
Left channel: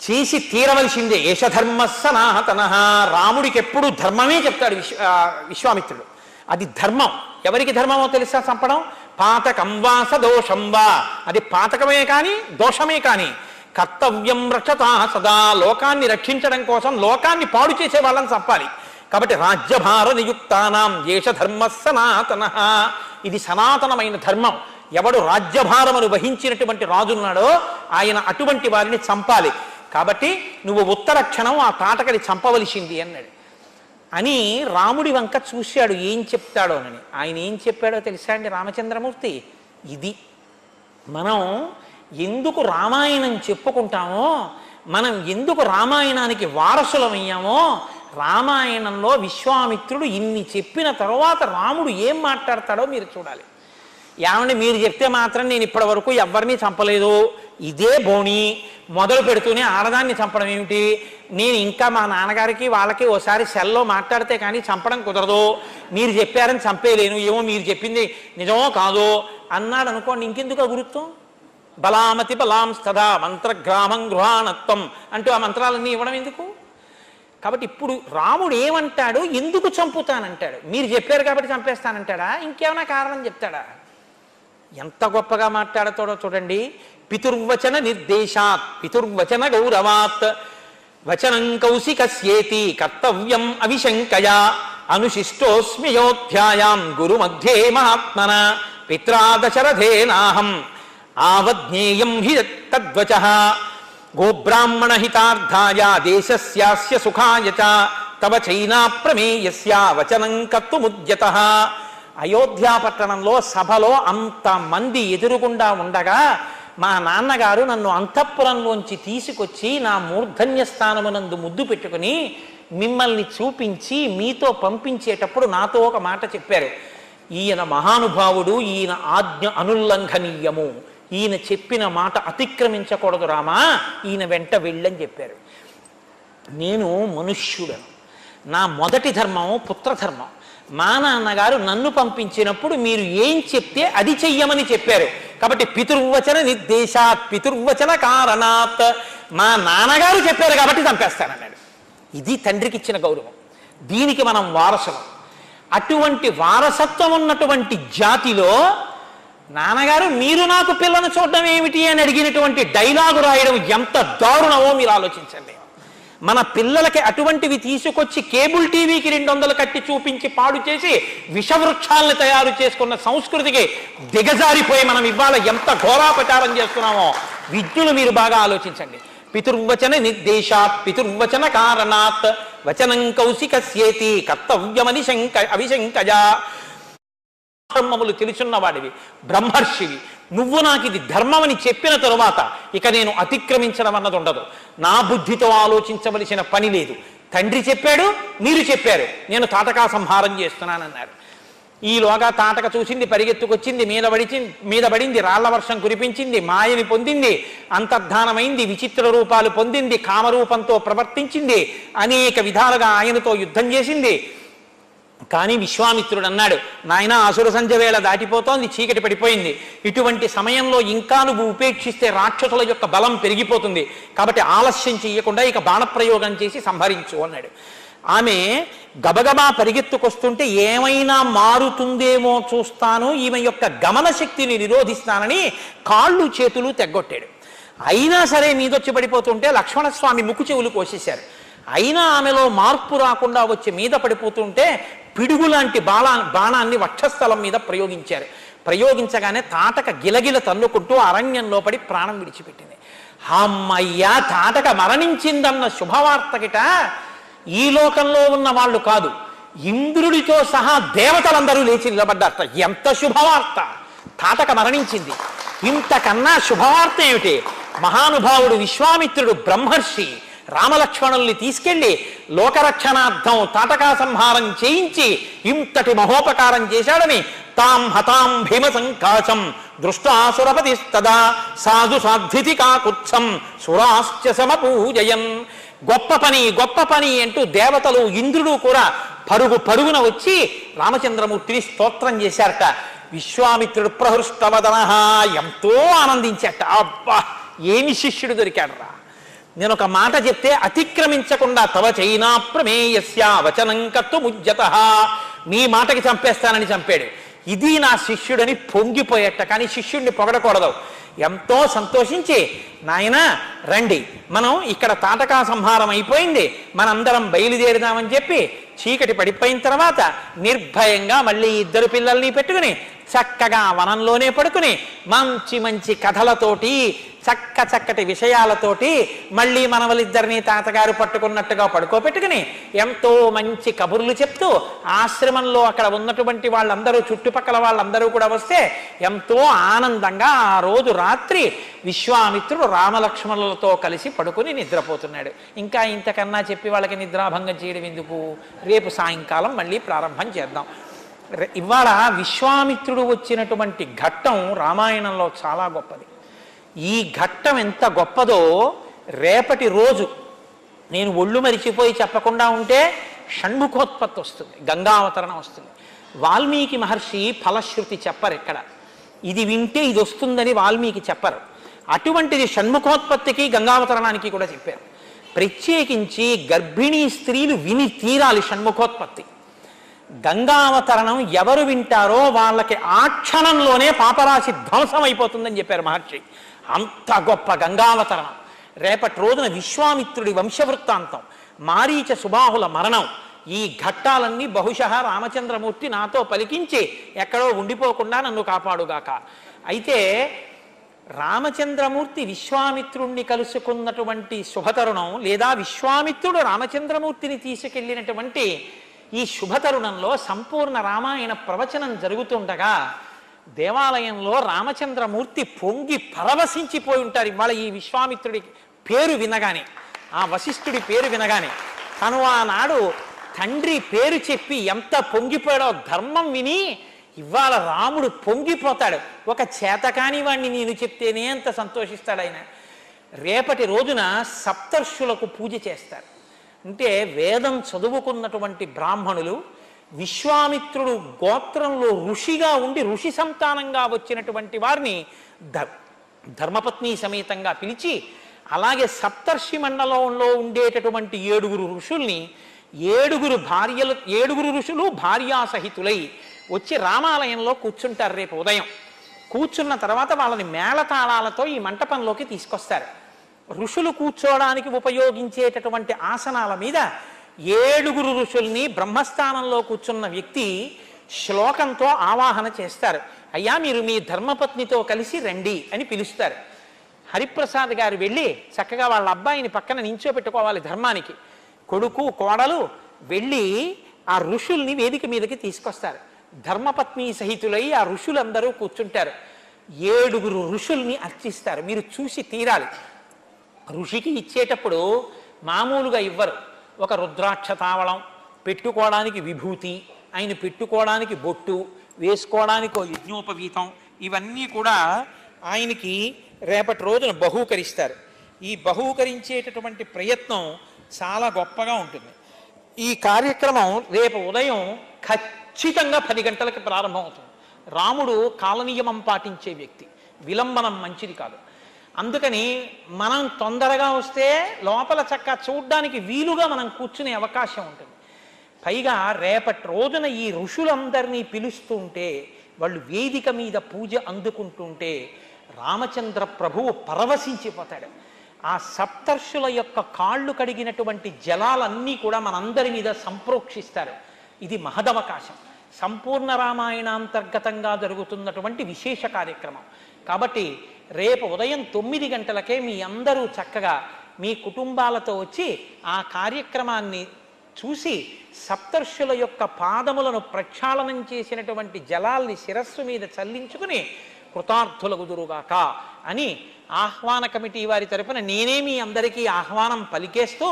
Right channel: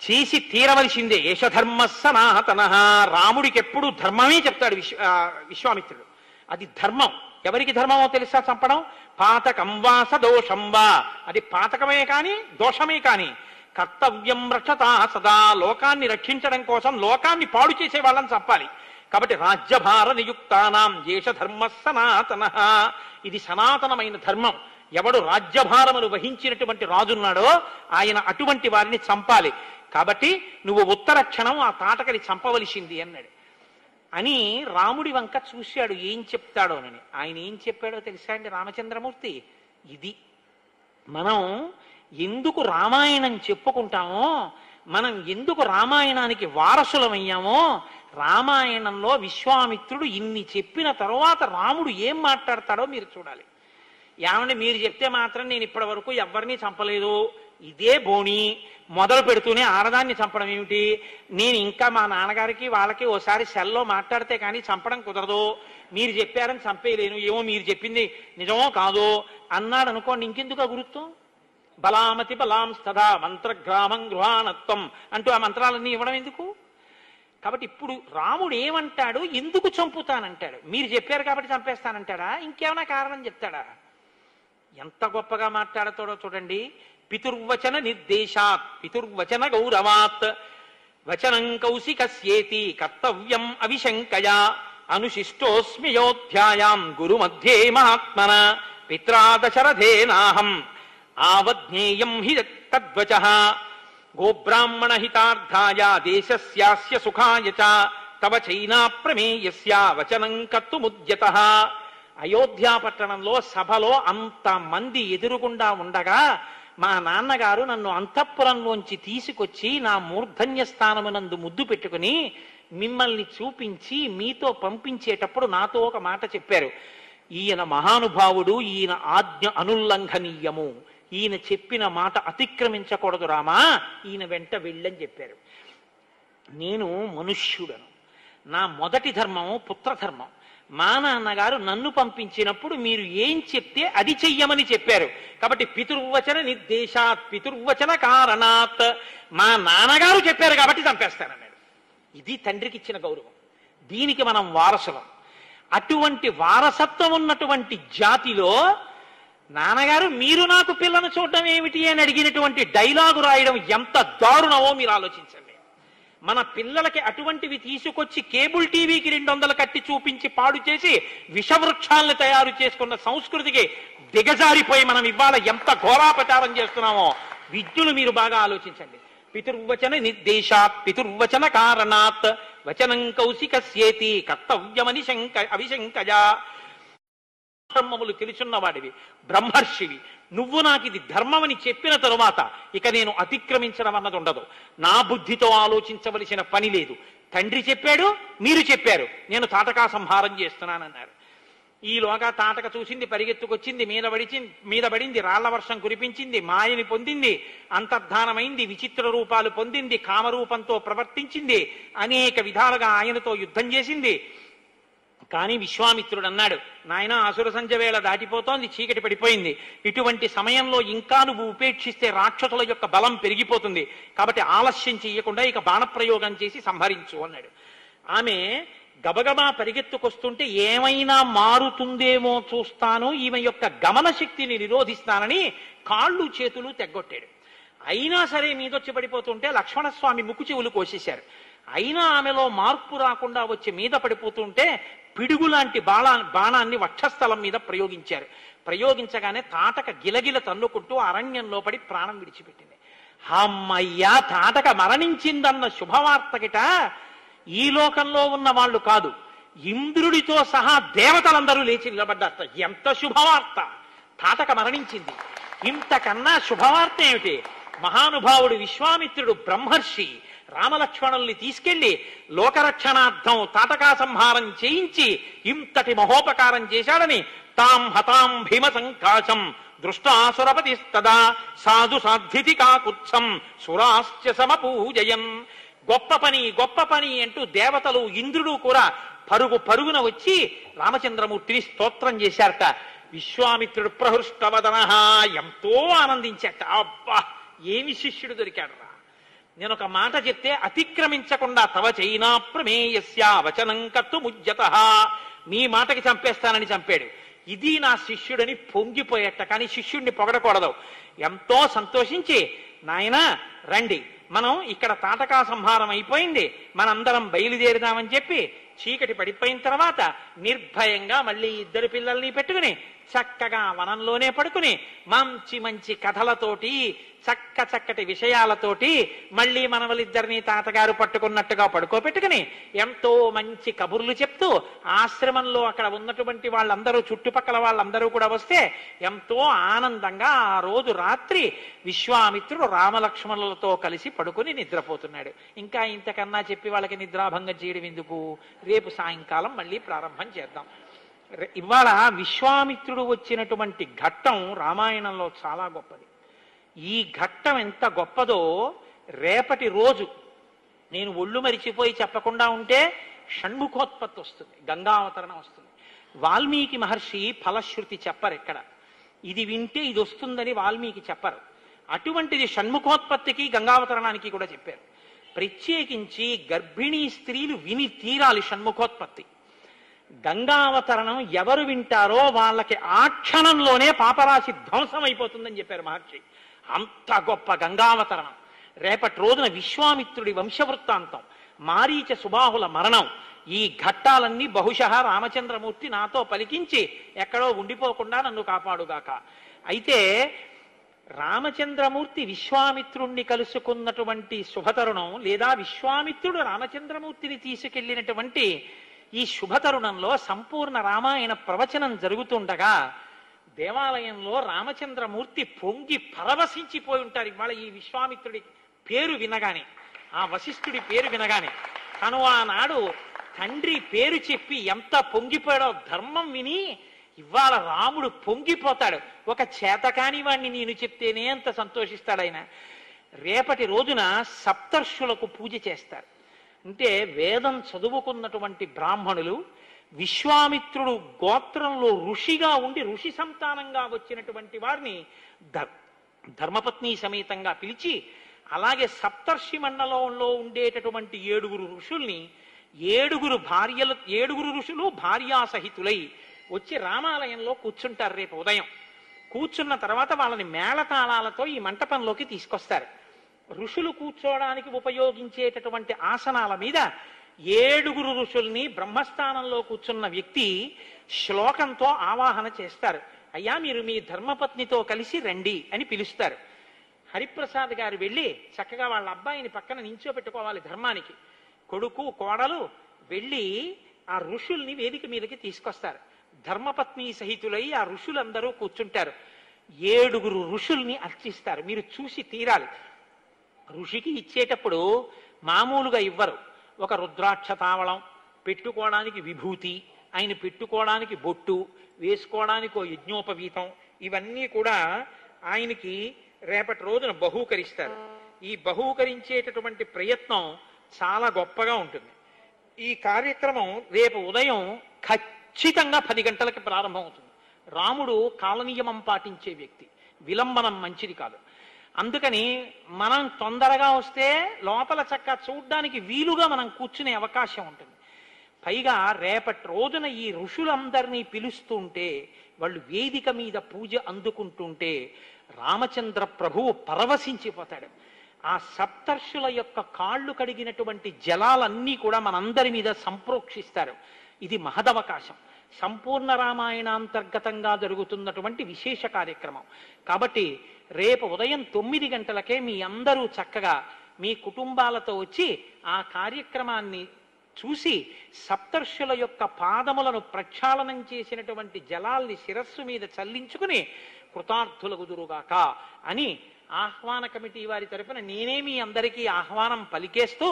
చేసి తీరవలసిందే. ఏష ధర్మ సనాతనః. రాముడికి ఎప్పుడు ధర్మమే చెప్తాడు విశ్వామిత్రుడు. అది ధర్మం. ఎవరికి ధర్మమో తెలుసా చంపడం? పాతకం వా సదోషం వా, అది పాతకమే కానీ దోషమే కానీ కర్తవ్యం రక్షతా సదా, లోకాన్ని రక్షించడం కోసం లోకాన్ని పాడు చేసే వాళ్ళని చంపాలి. కాబట్టి రాజ్యభార నియుక్తానాం ఏష ధర్మ సనాతనః. ఇది సనాతనమైన ధర్మం. ఎవడు రాజ్యభారమును వహించినటువంటి రాజున్నాడో ఆయన అటువంటి వారిని చంపాలి. కాబట్టి నువ్వు ఉత్తర క్షణం ఆ తాటకని చంపవలసింది అన్నాడు. అని రాముడి వంక చూశాడు ఏం చెప్తాడోనని. ఆయన ఏం చెప్పాడో తెలుసా అండి రామచంద్రమూర్తి? ఇది మనం ఎందుకు రామాయణం చెప్పుకుంటామో, మనం ఎందుకు రామాయణానికి వారసులమయ్యామో, రామాయణంలో విశ్వామిత్రుడు ఇన్ని చెప్పిన తరువాత రాముడు ఏం మాట్లాడతాడో మీరు చూడాలి. ఏమంటే మీరు చెప్తే మాత్రం నేను ఇప్పటి వరకు ఎవరిని చంపలేదు, ఇదే బోణి, మొదలు పెడుతూనే ఆడదాన్ని చంపడం ఏమిటి, నేను ఇంకా మా నాన్నగారికి వాళ్ళకి ఓసారి సెల్లో మాట్లాడితే కానీ చంపడం కుదరదు, మీరు చెప్పారని చంపేలేను, ఏమో మీరు చెప్పింది నిజమో కాదో అన్నాడు అనుకోండి, ఇంకెందుకు గురుత్వం? బలామతి బలాం స్తదా మంత్రగ్రామం గృహాణత్వం అంటూ ఆ మంత్రాలన్నీ ఇవ్వడం ఎందుకు? కాబట్టి ఇప్పుడు రాముడు ఏమంటాడు? ఎందుకు చంపుతానంటాడు? మీరు చెప్పారు కాబట్టి చంపేస్తానంటాడా? ఇంకేమైనా కారణం చెప్తాడా? ఎంత గొప్పగా మాట్లాడతాడో చూడండి. పితుర్వచన నిర్దేశాత్ పితుర్వచన గౌరవాత్ వచనం కౌశికస్యేతి కర్తవ్యం అవిశంకయా అనుశిష్టోస్మ్యోధ్యాయాం గురు మధ్యే మహాత్మన పిత్రా దశరథేనాహం ఆవజ్ఞేయం హి తద్వచః గోబ్రాహ్మణ హితార్థాయ దేశస్యాస్య సుఖాయ చ తవ చైనా ప్రమేయస్య వచనం కర్తుముద్యతః. అయోధ్యా పట్టణంలో సభలో అంతమంది ఎదురుగుండా ఉండగా మా నాన్నగారు నన్ను అంతఃపురంలోంచి తీసుకొచ్చి నా మూర్ధన్య స్థానమునందు ముద్దు పెట్టుకుని మిమ్మల్ని చూపించి మీతో పంపించేటప్పుడు నాతో ఒక మాట చెప్పారు. ఈయన మహానుభావుడు, ఈయన ఆజ్ఞ అనుల్లంఘనీయము, ఈయన చెప్పిన మాట అతిక్రమించకూడదు రామా, ఈయన వెంట వెళ్ళని చెప్పారు. నేను మనుష్యుడను, నా మొదటి ధర్మం పుత్రధర్మం. మా నాన్నగారు నన్ను పంపించినప్పుడు మీరు ఏం చెప్తే అది చెయ్యమని చెప్పారు. కాబట్టి పితుర్వచన నిర్దేశాత్ పితుర్వచన కారణాత్, మా నాన్నగారు చెప్పారు కాబట్టి చంపేస్తానన్నాడు. ఇది తండ్రికి ఇచ్చిన గౌరవం. దీనికి మనం వారసులం. అటువంటి వారసత్వం ఉన్నటువంటి జాతిలో నాన్నగారు మీరు నాకు పిల్లను చూడడం ఏమిటి అని అడిగినటువంటి డైలాగు రాయడం ఎంత దారుణమో మీరు ఆలోచించండి. మన పిల్లలకి అటువంటివి తీసుకొచ్చి కేబుల్ టీవీకి 200 కట్టి చూపించి పాడు చేసి విషవృక్షాలను తయారు చేసుకున్న సంస్కృతికి దిగజారిపోయి మనం ఇవాళ ఎంత ఘోరాపచారం చేస్తున్నామో విద్యులు మీరు బాగా ఆలోచించండి. పితుర్వచన నిర్దేశాత్ పితుర్వచన కారణాత్ వచనం కౌశికస్యేతి కర్తవ్యమని అవిశంకయా. బ్రహ్మములు తెలుసున్నవాడివి, బ్రహ్మర్షివి, నువ్వు నాకు ఇది ధర్మమని చెప్పిన తరువాత ఇక నేను అతిక్రమించడం అన్నది ఉండదు. నా బుద్ధితో ఆలోచించవలసిన పని లేదు. తండ్రి చెప్పాడు, మీరు చెప్పారు, నేను తాటకా సంహారం చేస్తున్నానన్నారు. ఈలోగా తాటక చూసింది, పరిగెత్తుకొచ్చింది, మీద పడింది, రాళ్ల వర్షం కురిపించింది, మాయని పొందింది, అంతర్ధానమైంది, విచిత్ర రూపాలు పొందింది, కామరూపంతో ప్రవర్తించింది, అనేక విధాలుగా ఆయనతో యుద్ధం చేసింది. కానీ విశ్వామిత్రుడు అన్నాడు, నాయన అసుర సంధ్య వేళ దాటిపోతోంది, చీకటి పడిపోయింది, ఇటువంటి సమయంలో ఇంకా నువ్వు ఉపేక్షిస్తే రాక్షసుల యొక్క బలం పెరిగిపోతుంది, కాబట్టి ఆలస్యం చేయకుండా ఇక బాణప్రయోగం చేసి సంహరించు అన్నాడు. ఆమె గబగబా పరిగెత్తుకొస్తుంటే ఏమైనా మారుతుందేమో చూస్తాను, ఈమె యొక్క గమన శక్తిని నిరోధిస్తానని కాళ్ళు చేతులు తెగ్గొట్టాడు. అయినా సరే మీదొచ్చి పడిపోతుంటే లక్ష్మణస్వామి ముక్కు చెవులు కోసేశారు. అయినా ఆమెలో మార్పు రాకుండా వచ్చి మీద పడిపోతుంటే పిడుగు లాంటి బాణాన్ని వక్షస్థలం మీద ప్రయోగించారు. ప్రయోగించగానే తాటక గిలగిల తన్నుకుంటూ అరణ్యంలో పడి ప్రాణం విడిచిపెట్టింది. అమ్మయ్యా, తాటక మరణించిందన్న శుభవార్తకిట ఈ లోకంలో ఉన్న వాళ్ళు కాదు, ఇంద్రుడితో సహా దేవతలందరూ లేచి నిలబడ్డారట. ఎంత శుభవార్త! తాటక మరణించింది. ఇంతకన్నా శుభవార్త ఏమిటి? మహానుభావుడు విశ్వామిత్రుడు బ్రహ్మర్షి రామలక్ష్మణుల్ని తీసుకెళ్లి లోకరక్షణార్థం తాటకా సంహారం చేయించి ఇంతటి మహోపకారం చేశాడని తాం హతాం భీమ సంకాశం దృష్టాసురపతిస్తదా సాధు సాధ్వితి కాకుత్సం సురాశ్చ సమపూజయన్. గొప్ప పని అంటూ దేవతలు ఇంద్రుడు కూడా పరుగున వచ్చి రామచంద్రమూర్తిని స్తోత్రం చేశారట. విశ్వామిత్రుడు ప్రహృష్టవదన ఎంతో ఆనందించాట. అబ్బా, ఏమి శిష్యుడు దొరికాడు రా! నేను ఒక మాట చెప్తే అతిక్రమించకుండా తవ చైనా ప్రమేయస్య వచనం కర్తుముజ్యత, నీ మాటకి చంపేస్తానని చంపాడు. ఇది నా శిష్యుడని పొంగిపోయేట. కానీ శిష్యుడిని పొగడకూడదు. ఎంతో సంతోషించి, నాయన రండి, మనం ఇక్కడ తాటకా సంహారం అయిపోయింది, మనందరం బయలుదేరుదామని చెప్పి చీకటి పడిపోయిన తర్వాత నిర్భయంగా మళ్ళీ ఇద్దరు పిల్లల్ని పెట్టుకుని చక్కగా వనంలోనే పడుకుని మంచి మంచి కథలతోటి చక్కటి విషయాలతోటి మళ్ళీ మనవలిద్దరినీ తాతగారు పట్టుకున్నట్టుగా పడుకోబెట్టుకుని ఎంతో మంచి కబుర్లు చెప్తూ ఆశ్రమంలో అక్కడ ఉన్నటువంటి వాళ్ళందరూ చుట్టుపక్కల వాళ్ళందరూ కూడా వస్తే ఎంతో ఆనందంగా ఆ రోజు రాత్రి విశ్వామిత్రుడు రామలక్ష్మణులతో కలిసి పడుకుని నిద్రపోతున్నాడు. ఇంకా ఇంతకన్నా చెప్పి వాళ్ళకి నిద్రాభంగం చేయడం ఎందుకు? రేపు సాయంకాలం మళ్ళీ ప్రారంభం చేద్దాం. ఇవాళ విశ్వామిత్రుడు వచ్చినటువంటి ఘట్టం రామాయణంలో చాలా గొప్పది. ఈ ఘట్టం ఎంత గొప్పదో రేపటి రోజు నేను ఒళ్ళు మరిచిపోయి చెప్పకుండా ఉంటే షణ్ముఖోత్పత్తి వస్తుంది, గంగావతరణం వస్తుంది. వాల్మీకి మహర్షి ఫలశ్రుతి చెప్పరు ఎక్కడ, ఇది వింటే ఇది వస్తుందని వాల్మీకి చెప్పరు. అటువంటిది షణ్ముఖోత్పత్తికి గంగావతరణానికి కూడా చెప్పారు. ప్రత్యేకించి గర్భిణీ స్త్రీలు విని తీరాలి షణ్ముఖోత్పత్తి. గంగావతరణం ఎవరు వింటారో వాళ్ళకి ఆ క్షణంలోనే పాపరాశి ధ్వంసం అయిపోతుందని చెప్పారు మహర్షి. అంత గొప్ప గంగావతరణం. రేపటి రోజున విశ్వామిత్రుడి వంశవృత్తాంతం, మారీచ సుబాహుల మరణం, ఈ ఘట్టాలన్నీ బహుశः రామచంద్రమూర్తి నాతో పలికించి ఎక్కడో ఉండిపోకుండా నన్ను కాపాడుగాక. అయితే రామచంద్రమూర్తి విశ్వామిత్రుణ్ణి కలుసుకున్నటువంటి శుభతరుణం, లేదా విశ్వామిత్రుడు రామచంద్రమూర్తిని తీసుకెళ్లినటువంటి ఈ శుభతరుణంలో సంపూర్ణ రామాయణ ప్రవచనం జరుగుతుండగా దేవాలయంలో రామచంద్రమూర్తి పొంగి పరవశించిపోయి ఉంటారు. ఇవాళ ఈ విశ్వామిత్రుడి పేరు వినగానే, ఆ వశిష్ఠుడి పేరు వినగానే, తను ఆనాడు తండ్రి పేరు చెప్పి ఎంత పొంగిపోయాడో ధర్మం విని ఇవాళ రాముడు పొంగిపోతాడు. ఒక చేతకాని వాణ్ణి నేను చెప్తేనే అంత సంతోషిస్తాడు ఆయన. రేపటి రోజున సప్తర్షులకు పూజ చేస్తారు. అంటే వేదం చదువుకున్నటువంటి బ్రాహ్మణులు, విశ్వామిత్రుడు గోత్రంలో ఋషిగా ఉండి ఋషి సంతానంగా వచ్చినటువంటి వారిని ధర్మపత్ని సమేతంగా పిలిచి, అలాగే సప్తర్షి మండలంలో ఉండేటటువంటి 7 ఋషుల్ని, 7 ఋషులు భార్యాసహితులై వచ్చి రామాలయంలో కూర్చుంటారు. రేపు ఉదయం కూర్చున్న తర్వాత వాళ్ళని మేళతాళాలతో ఈ మంటపంలోకి తీసుకొస్తారు. ఋషులు కూర్చోవడానికి ఉపయోగించేటటువంటి ఆసనాల మీద 7 ఋషుల్ని బ్రహ్మస్థానంలో కూర్చున్న వ్యక్తి శ్లోకంతో ఆవాహన చేస్తారు. అయ్యా, మీరు మీ ధర్మపత్నితో కలిసి రండి అని పిలుస్తారు. హరిప్రసాద్ గారు వెళ్ళి చక్కగా వాళ్ళ అబ్బాయిని పక్కన నించోపెట్టుకోవాలి. ధర్మానికి కొడుకు కోడలు వెళ్ళి ఆ ఋషుల్ని వేదిక మీదకి తీసుకొస్తారు. ధర్మపత్ని సహితులై ఆ ఋషులందరూ కూర్చుంటారు. 7 ఋషుల్ని అర్చిస్తారు. మీరు చూసి తీరాలి. ఋషికి ఇచ్చేటప్పుడు మామూలుగా ఇవ్వరు. ఒక రుద్రాక్ష తావళం, పెట్టుకోవడానికి విభూతి, ఆయన పెట్టుకోవడానికి బొట్టు, వేసుకోవడానికి ఒక యజ్ఞోపవీతం, ఇవన్నీ కూడా ఆయనకి రేపటి రోజున బహూకరిస్తారు. ఈ బహూకరించేటటువంటి ప్రయత్నం చాలా గొప్పగా ఉంటుంది. ఈ కార్యక్రమం రేపు ఉదయం ఖచ్చితంగా 10 గంటలకి ప్రారంభం అవుతుంది. రాముడు కాలనియమం పాటించే వ్యక్తి, విలంబనం మంచిది కాదు. అందుకని మనం తొందరగా వస్తే లోపల చక్క చూడ్డానికి వీలుగా మనం కూర్చునే అవకాశం ఉంటుంది. పైగా రేపటి రోజున ఈ ఋషులందరినీ పిలుస్తుంటే, వాళ్ళు వేదిక మీద పూజ అందుకుంటుంటే రామచంద్ర ప్రభువు పరవశించిపోతాడు. ఆ సప్తర్షుల యొక్క కాళ్ళు కడిగినటువంటి జలాలన్నీ కూడా మనందరి మీద సంప్రోక్షిస్తారు. ఇది మహదవకాశం. సంపూర్ణ రామాయణాంతర్గతంగా జరుగుతున్నటువంటి విశేష కార్యక్రమం. కాబట్టి రేపు ఉదయం 9 గంటలకే మీ అందరూ చక్కగా మీ కుటుంబాలతో వచ్చి ఆ కార్యక్రమాన్ని చూసి సప్తర్షుల యొక్క పాదములను ప్రక్షాళనం చేసినటువంటి జలాల్ని శిరస్సు మీద చల్లించుకుని కృతార్థులగుదురుగాక అని ఆహ్వాన కమిటీ వారి తరపున నేనే మీ అందరికీ ఆహ్వానం పలికేస్తూ,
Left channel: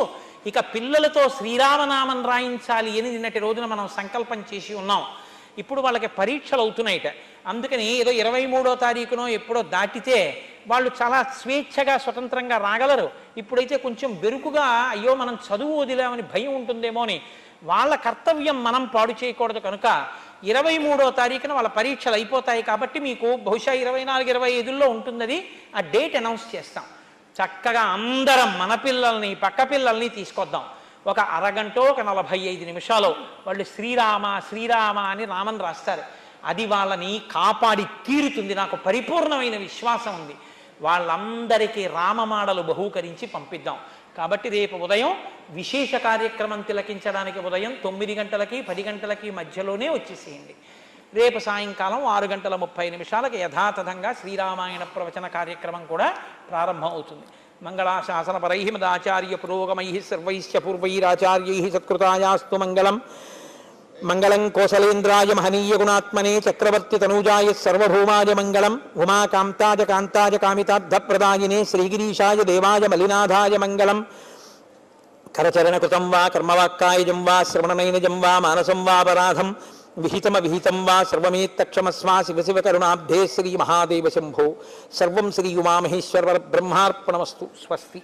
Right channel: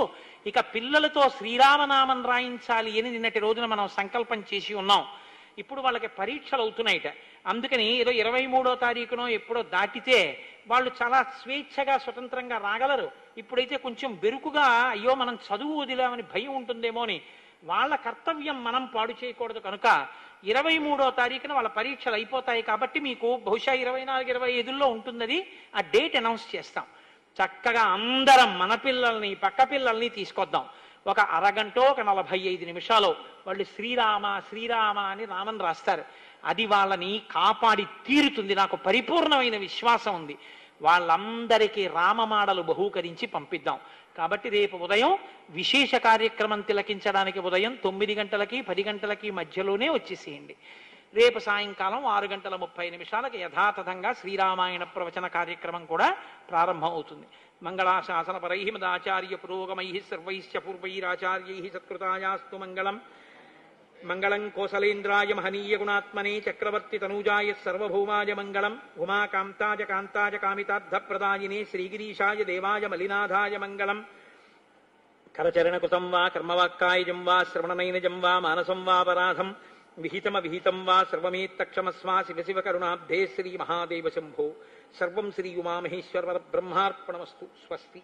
ఇక పిల్లలతో శ్రీరామనామం రాయించాలి అని నిన్నటి రోజున మనం సంకల్పం చేసి ఉన్నాం. ఇప్పుడు వాళ్ళకి పరీక్షలు అవుతున్నాయిట. అందుకని ఏదో 23వ తారీఖునో ఎప్పుడో దాటితే వాళ్ళు చాలా స్వేచ్ఛగా స్వతంత్రంగా రాగలరు. ఇప్పుడైతే కొంచెం బెరుకుగా అయ్యో మనం చదువు వదిలామని భయం ఉంటుందేమో అని వాళ్ళ కర్తవ్యం మనం పాడు చేయకూడదు. కనుక 23వ తారీఖున వాళ్ళ పరీక్షలు అయిపోతాయి. కాబట్టి మీకు బహుశా 24, 25లో ఉంటుంది. ఆ డేట్ అనౌన్స్ చేస్తాం. చక్కగా అందరం మన పిల్లల్ని పక్క పిల్లల్ని తీసుకొద్దాం. ఒక అరగంటో ఒక 45 నిమిషాలు వాళ్ళు శ్రీరామ శ్రీరామ అని రామని రాస్తారు. అది వాళ్ళని కాపాడి తీరుతుంది. నాకు పరిపూర్ణమైన విశ్వాసం ఉంది. వాళ్ళందరికీ రామమాడలు బహూకరించి పంపిద్దాం. కాబట్టి రేపు ఉదయం విశేష కార్యక్రమం తిలకించడానికి ఉదయం 9 గంటలకి 10 గంటలకి మధ్యలోనే వచ్చేసేయండి. రేపు సాయంకాలం 6:30 యథాతథంగా శ్రీరామాయణ ప్రవచన కార్యక్రమం కూడా ప్రారంభం అవుతుంది. మంగళాశాసనపరై మదాచార్య పురోగమై సర్వైశ్చ పూర్వైరాచార్యై సత్కృతాయాస్తు మంగళం. మంగళం కోసలేంద్రాయ మహనీయ గుణాత్మనే చక్రవర్తి తనూజాయ సర్వభౌమాయ మంగళం. ఉమాకాంతాయ కాంతాయ కామితార్థప్రదాయినే శ్రీగిరీశాయ దేవాయ మలినాథాయ మంగళం. కరచరణకృతం వా కర్మవాక్కాయజం వా శ్రవణనైనజం వా మానసం వాపరాధం విహితమవిహితం వా సర్వమేత్తక్షమస్మా శివ శివ కరుణాబ్ధే శ్రీ మహాదేవ శంభో. సర్వం శ్రీ ఉమామహేశ్వర బ్రహ్మార్పణమస్తు. స్వస్తి.